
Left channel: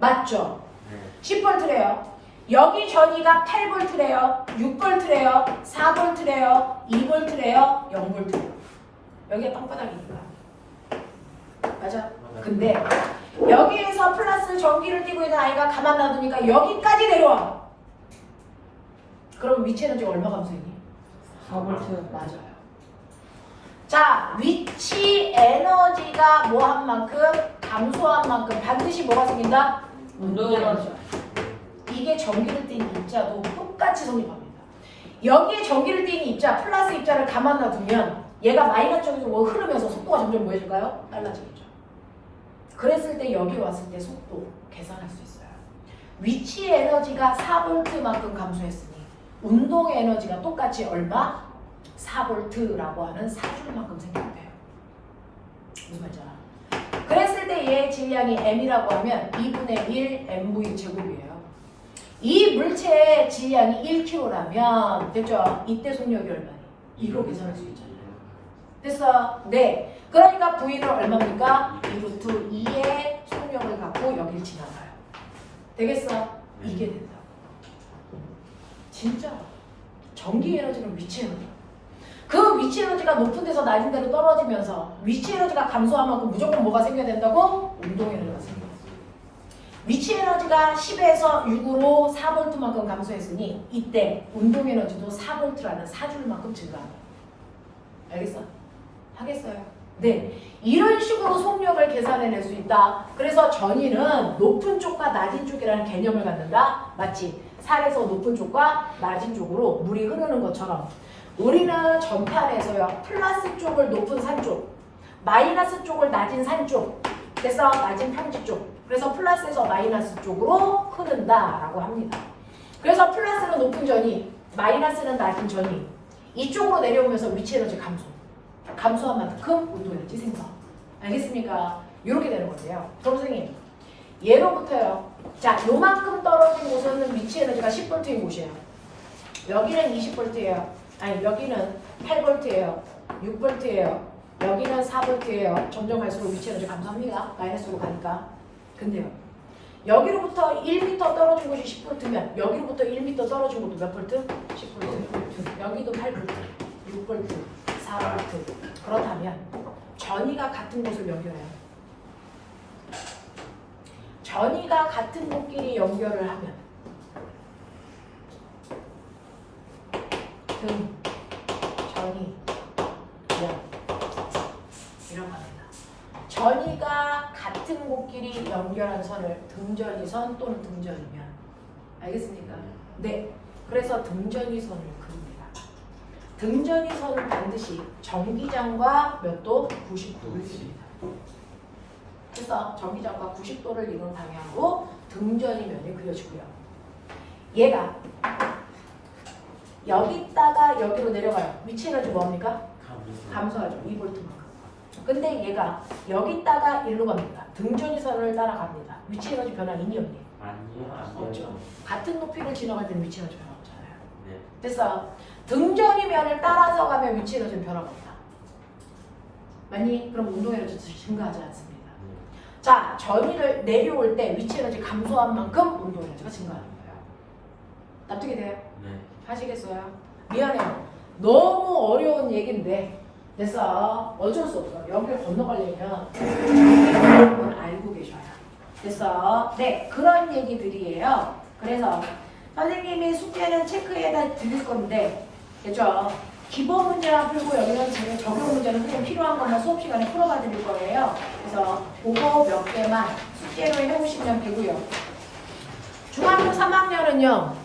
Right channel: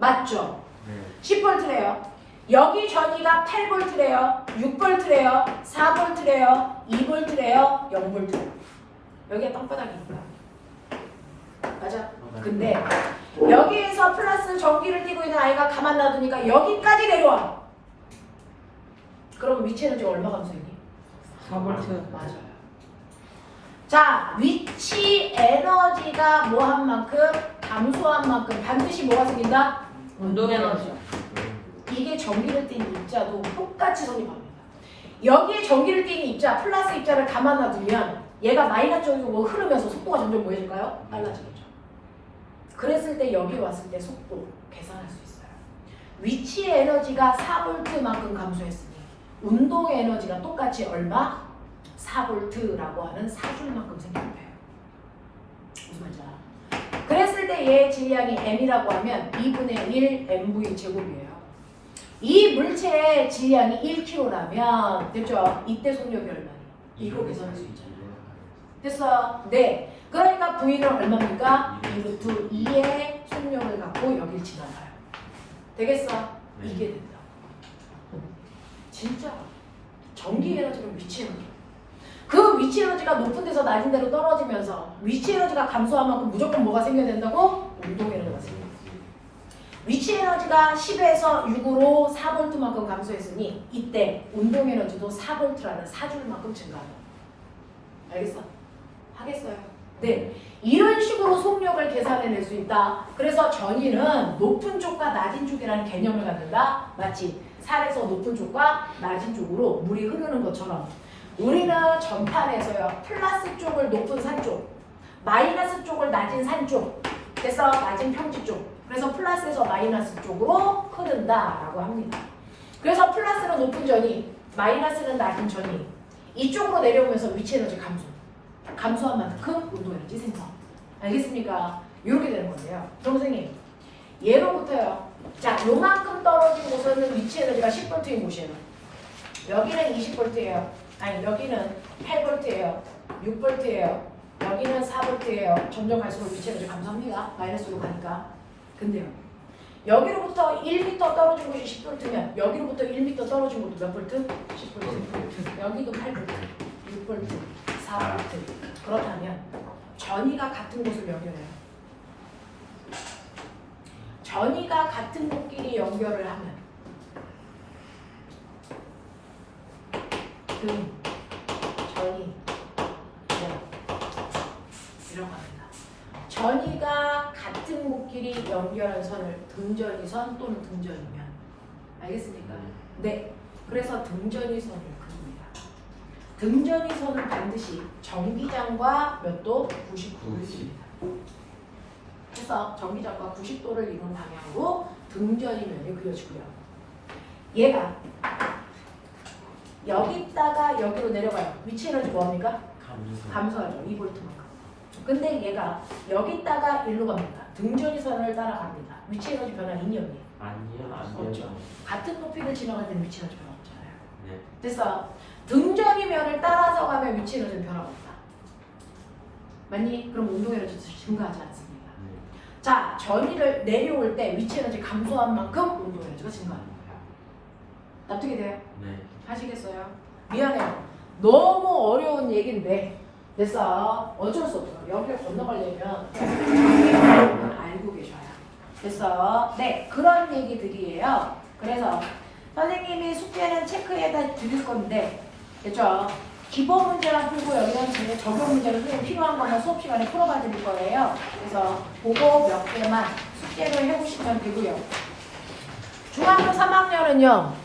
맞죠? 네. 10V래요. 여기 전이가 8V래요. 6V래요. 4V래요. 2V래요. 0V래요. 여기가 땅바닥이니까. 맞아? 근데 여기에서 플러스 전기를 띠고 있는 아이가 가만 놔두니까 여기까지 내려와. 그러면 위치 에너지가 얼마 감소했니? 4V. 맞아요. 자, 위치 에너지가 뭐 한 만큼 감소한 만큼 반드시 뭐가 생긴다? 운동 에너지. 이게 전기를 띠는 입자도 똑같이 성립합니다. 여기에 전기를 띠는 입자, 플러스 입자를 가만 놔두면 얘가 마이너스 쪽에서 뭐 흐르면서 속도가 점점 뭐 해질까요? 빨라지겠죠. 그랬을 때 여기 왔을 때 속도 계산할 수 있어요. 위치 에너지가 4V만큼 감소했으니 운동 에너지가 똑같이 얼마? 4V라고 하는 사줄만큼 생기는 거예요. 무슨 말인지 알아? 그랬을 때 얘의 질량이 m이라고 하면 2분의 1 mv 제곱이에요. 이 물체의 질량이 1kg라면 됐죠? 이때 속력이 얼마니? 이거 계산할 수 있잖아요. 됐어? 네. 그러니까 V는 얼마입니까? 2루트 2의 속력을 갖고 여기를 지나가요. 되겠어? 이게 된다고. 진짜 전기 에너지는 위치 에너지. 그 위치 에너지가 높은 데서 낮은 데로 떨어지면서 위치 에너지가 감소한 만큼 무조건 뭐가 생겨야 된다고? 운동 에너지가 생겨요. 위치 에너지가 10에서 6으로 4V만큼 감소했으니 이때 운동 에너지도 4V라는 사줄만큼 증가합니다. 알겠어? 하겠어요? 네. 이런 식으로 속력을 계산해낼 수 있다. 그래서 전위는 높은 쪽과 낮은 쪽이라는 개념을 갖는다. 맞지? 산에서 높은 쪽과 낮은 쪽으로 물이 흐르는 것처럼 우리는 전판에서요. 플러스 쪽을 높은 산 쪽, 마이너스 쪽을 낮은 산 쪽, 그래서 낮은 평지 쪽. 그래서 플러스에서 마이너스 쪽으로 흐른다라고 합니다. 그래서 플러스는 높은 전이, 마이너스는 낮은 전이 이쪽으로 내려오면서 위치 에너지 감소. 감소한 만큼 운동 에너지 생성. 알겠습니까? 이렇게 되는 건데요. 그럼 선생님, 예로부터요. 자, 요만큼 떨어진 곳은 위치 에너지가 10V인 곳이에요. 여기는 20V예요. 아니, 여기는 8V예요. 6V예요. 여기는 4V예요. 점점 갈수록 위치 에너지 감소합니다. 마이너스로 가니까. 근데요. 여기로부터 1m 떨어진 곳이 10V면 여기로부터 1m 떨어진 곳도 몇 볼트? 10V. 여기도 8V, 6V, 4V. 그렇다면 전위가 같은 곳을 연결해요. 전위가 같은 곳끼리 연결을 하면 등, 전위, 연 이런 겁니다. 전위가 같은 곳끼리 연결한 선을 등전위선 또는 등전이면 알겠습니까? 네. 그래서 등전위선을 그립니다. 등전위선은 반드시 전기장과 몇 도? 90도를 그립니다. 그래서 전기장과 90도를 이룬 방향으로 등전이면이 그려지고요. 얘가 여기다가 여기로 내려가요. 위치 에너지 뭡니까? 감소하죠. 2V만큼. 근데 얘가 여기다가 일로 갑니다. 등전위선을 따라갑니다. 위치 에너지 변화 있니 없니? 아니요. 없죠. 같은 높이를 지나갈 때는 위치 에너지 변화 없잖아요. 네. 그래서 등전이면을 따라서 가면 위치 에너지는 변화가 없다. 맞니? 그럼 운동 에너지 증가하지 않습니다. 네. 자, 전위를 내려올 때 위치 에너지 감소한 만큼 운동 에너지가 증가하는 거예요. 납득이 돼요? 네. 하시겠어요? 미안해요. 너무 어려운 얘기인데 됐어. 어쩔 수 없어. 여기를 건너가려면 여러분 알고 계셔야 돼. 됐어. 네, 그런 얘기들이에요. 그래서 선생님이 숙제는 체크해다 드릴 건데 됐죠? 기본 문제랑 풀고 여기는 적용 문제는 선생님 필요한 것만 수업 시간에 풀어봐 드릴 거예요. 그래서 그거 몇 개만 숙제를 해보시면 되고요. 중학교 3학년은요.